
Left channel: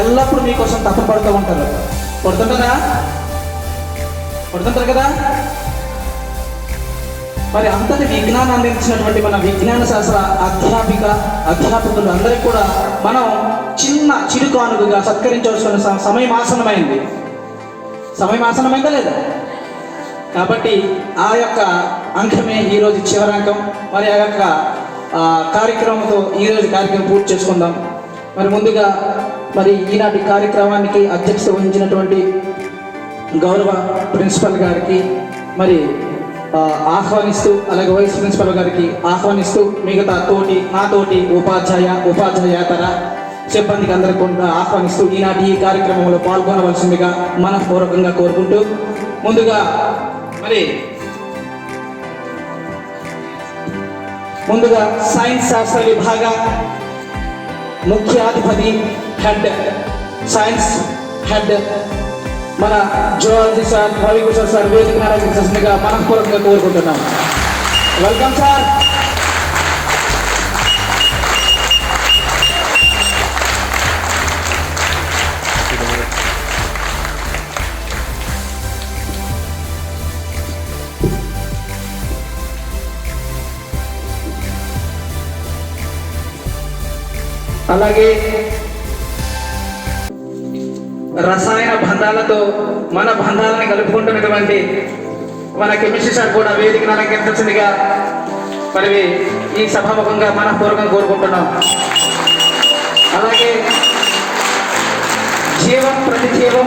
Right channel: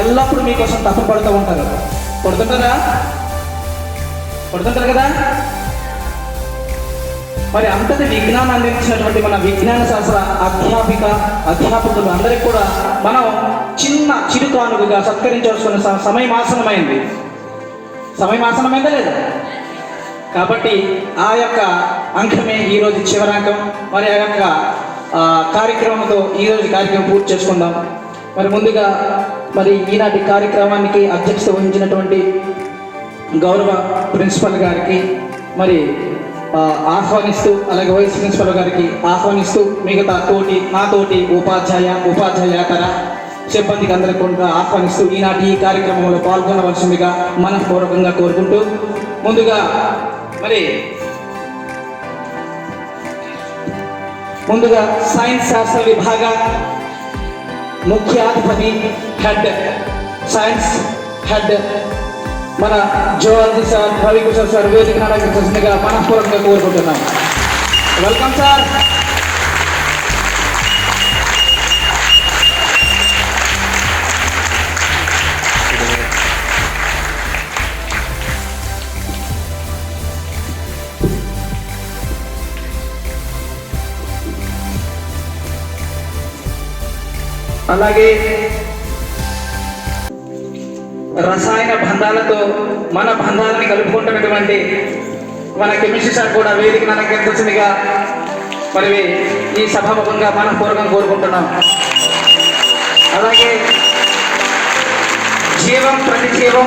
ఎల్లప్పుడూ మీకోసం తప్పపడుతూ ఉంటారు. పడుతుంటారా? పడుతుంటారు కదా. మరి అంతటి విజ్ఞానం అందించినటువంటి మన విజ్ఞాన శాస్త్ర అధ్యాపకులు అందరికీ కూడా మనం చిన్న చిరుకానుకగా సత్కరించవలసిన సమయం ఆసనమైంది. సమయం ఆసనమైందా లేదా? కాబట్టి ఆ యొక్క అంకమే ఈరోజు చివరి అంకం. మరి ఆ యొక్క కార్యక్రమంతో ఈరోజు కార్యక్రమం పూర్తి చేసుకుందాం. మరి ముందుగా మరి ఈనాటి కార్యక్రమానికి అధ్యక్షత వహించినటువంటి గౌరవ ప్రిన్సిపల్ గారికి మరి ఆహ్వానిస్తూ, అలాగే వైస్ ప్రిన్సిపల్ గారికి ఆహ్వానిస్తూ మిగతా నాతోటి ఉపాధ్యాయేతర సిబ్బందికి అందరికీ ఆహ్వానిస్తూ ఈనాటి ఈ కార్యక్రమంలో పాల్గొనవలసిందిగా మనఃపూర్వకంగా కోరుకుంటూ, ముందుగా సైన్స్ శాస్త్ర విభాగ ముఖ్యాధిపతి సైన్స్ హెడ్ మన జువాలజీ సార్ రవికిషోర్ సార్ వేదిక అలంకరించాల్సిందిగా మనఃపూర్వకంగా కోరుకుంటున్నాం. Welcome sir. అలాగే రసాయన బంధాలతో మన బంధాలని కలుపుకుంటున్నటువంటి మన కెమిస్ట్రీ సార్ కూడా వేదికను అలంకరించాల్సిందిగా మరి ఈ సభాముఖంగా మనఃపూర్వకం కోరుకుంటున్నాం. అలాగే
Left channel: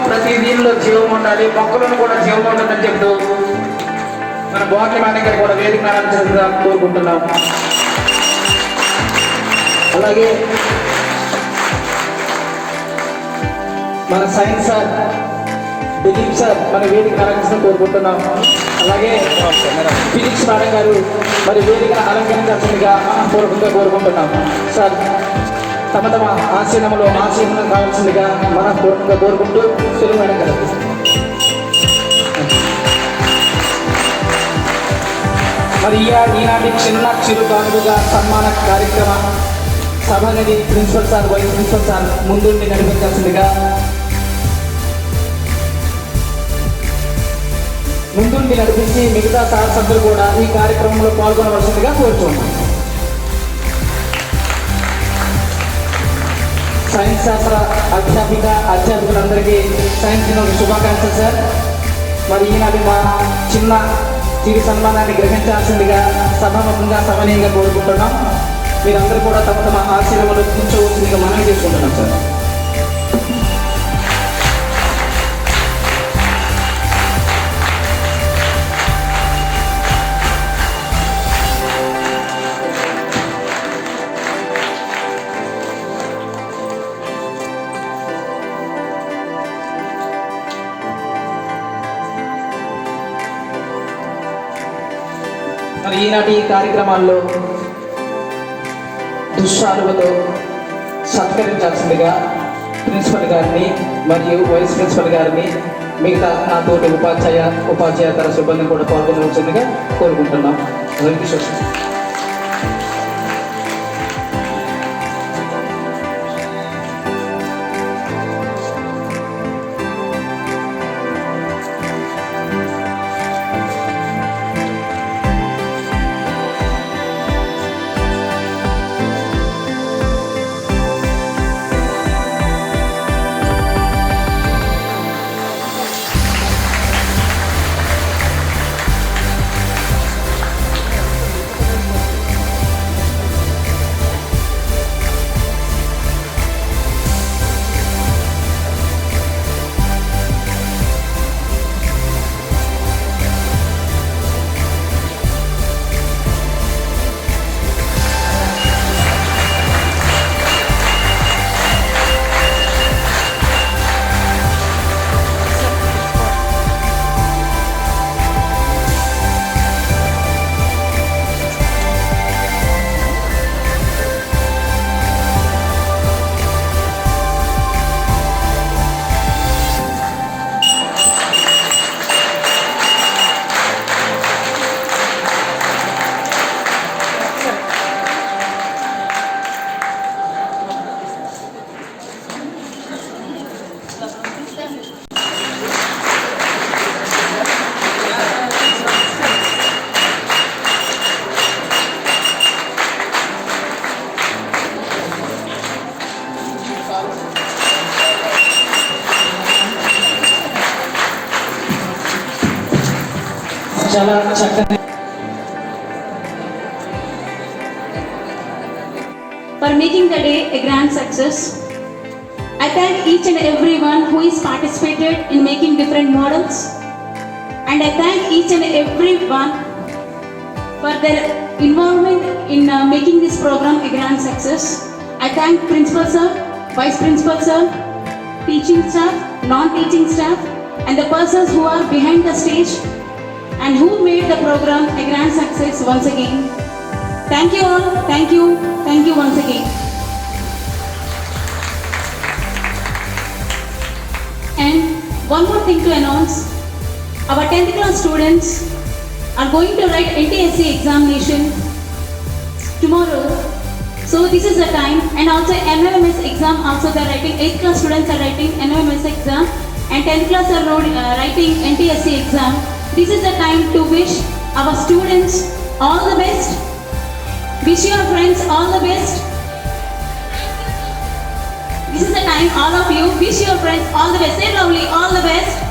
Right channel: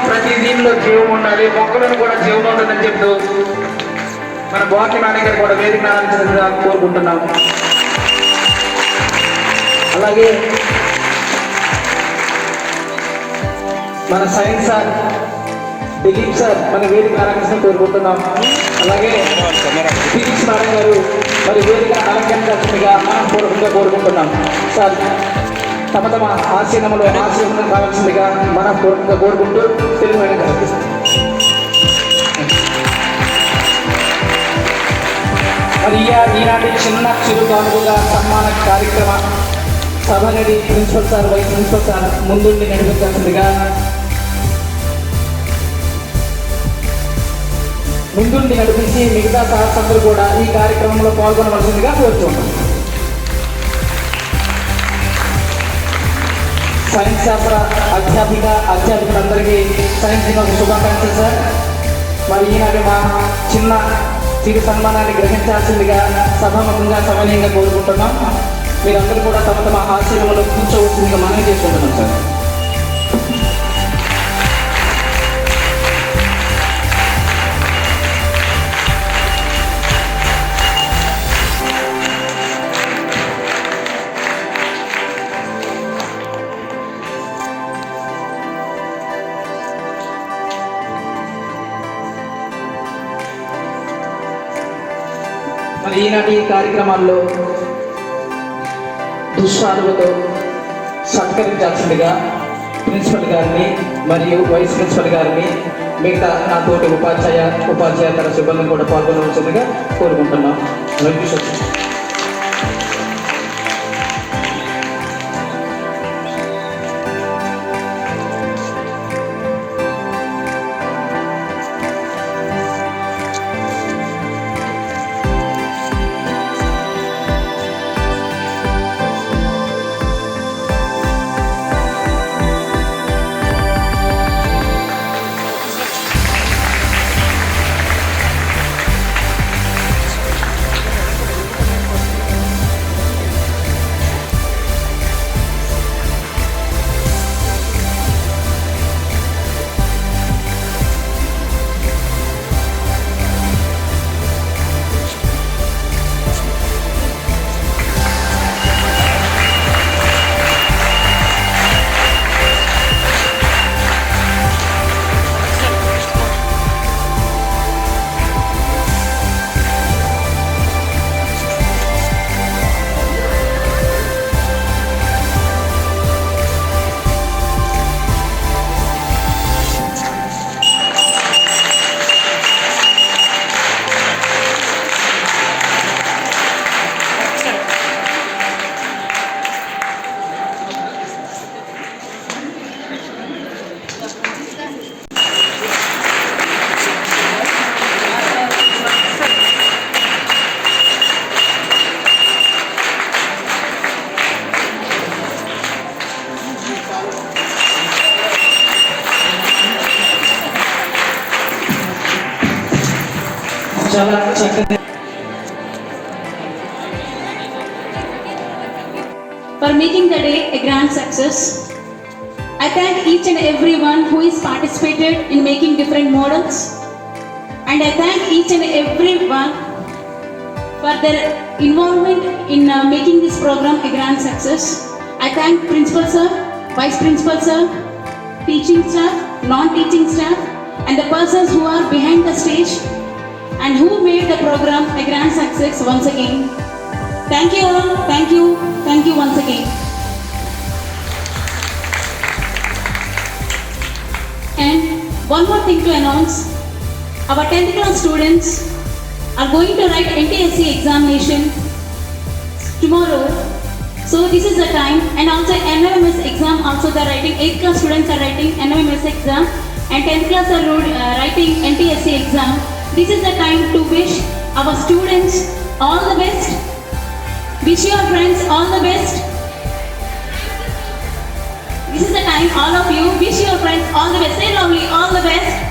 ప్రతి దీనిలో జీవం ఉండాలి, మొక్కలను కూడా జీవం ఉంటుందని చెప్తూ మన బాటనీ మేడం గారు కూడా వేదికను అలంకరించాల్సిందిగా కోరుకుంటున్నాం. అలాగే మన సైన్స్ సార్ దిలీప్ సార్ మన వేదిక అలంకరించిన కోరుకుంటున్నాం. అలాగే ఫిజిక్స్ మేడం గారు మరి వేదిక అలంకరించాల్సిందిగా మనఃపూర్వకంగా కోరుకుంటున్నాం. సార్ తమ ఆశీనంలో కావాల్సిందిగా మనఃపూర్వకంగా కోరుకుంటూ తెలుగు మేడం గారు. మరి ఈనాటి చిన్న చిరుకానుగా సన్మాన కార్యక్రమ సభని principal sir vice principal sir ముందుండి నడిపించాల్సిందిగా నడిపించి మిగతా సభ్యులు కూడా ఈ కార్యక్రమంలో పాల్గొనవలసిందిగా కోరుతున్నాం. సైన్స్ శాస్త్ర అధ్యాపకులందరికీ సైన్స్ దిన శుభాకాంక్షలు సార్. మరి ఈనాటి మా చిరు సన్మానాన్ని గ్రహించాల్సిందిగా సభాముఖంగా సవనీయంగా కోరుకుంటున్నాం. మీరందరూ కూడా తమ ఆశీర్వాదంలో కూర్చోవలసిందిగా మనం చేసుకుంటున్నాం సార్. మరి ఈనాటి కార్యక్రమాల్లో దుశ్శాలువతో సత్కరించాల్సిందిగా ప్రిన్సిపల్ గారిని మరియు వైస్ ప్రిన్సిపల్ గారిని మిగతా నాతోటి ఉపాధ్యాయేతర సిబ్బందిని కూడా పాల్గొనవలసిందిగా కోరుకుంటున్నాం. వెంకటేశ్వర చక్కని for making the day a grand success. I thank each and everyone who is participated in making different models, and I thank each and everyone for their involvement in making this program a grand success. I thank Principal Sir, Vice Principal Sir, teaching staff, non-teaching staff, and the persons who are behind the stage and who made the program a grand success once again. Thank you all, thank you once again. And one more thing to announce, our 10th class students are going to write NTSC examination tomorrow. So this is the time, and also NOMS exam also they are writing, 8th class students are writing NOMS exam and 10th class are writing NTSC exam. This is the time to wish our students all the best. Wish your friends all the best. This is the time all of you wish your friends all the best. Say lovely, all the best.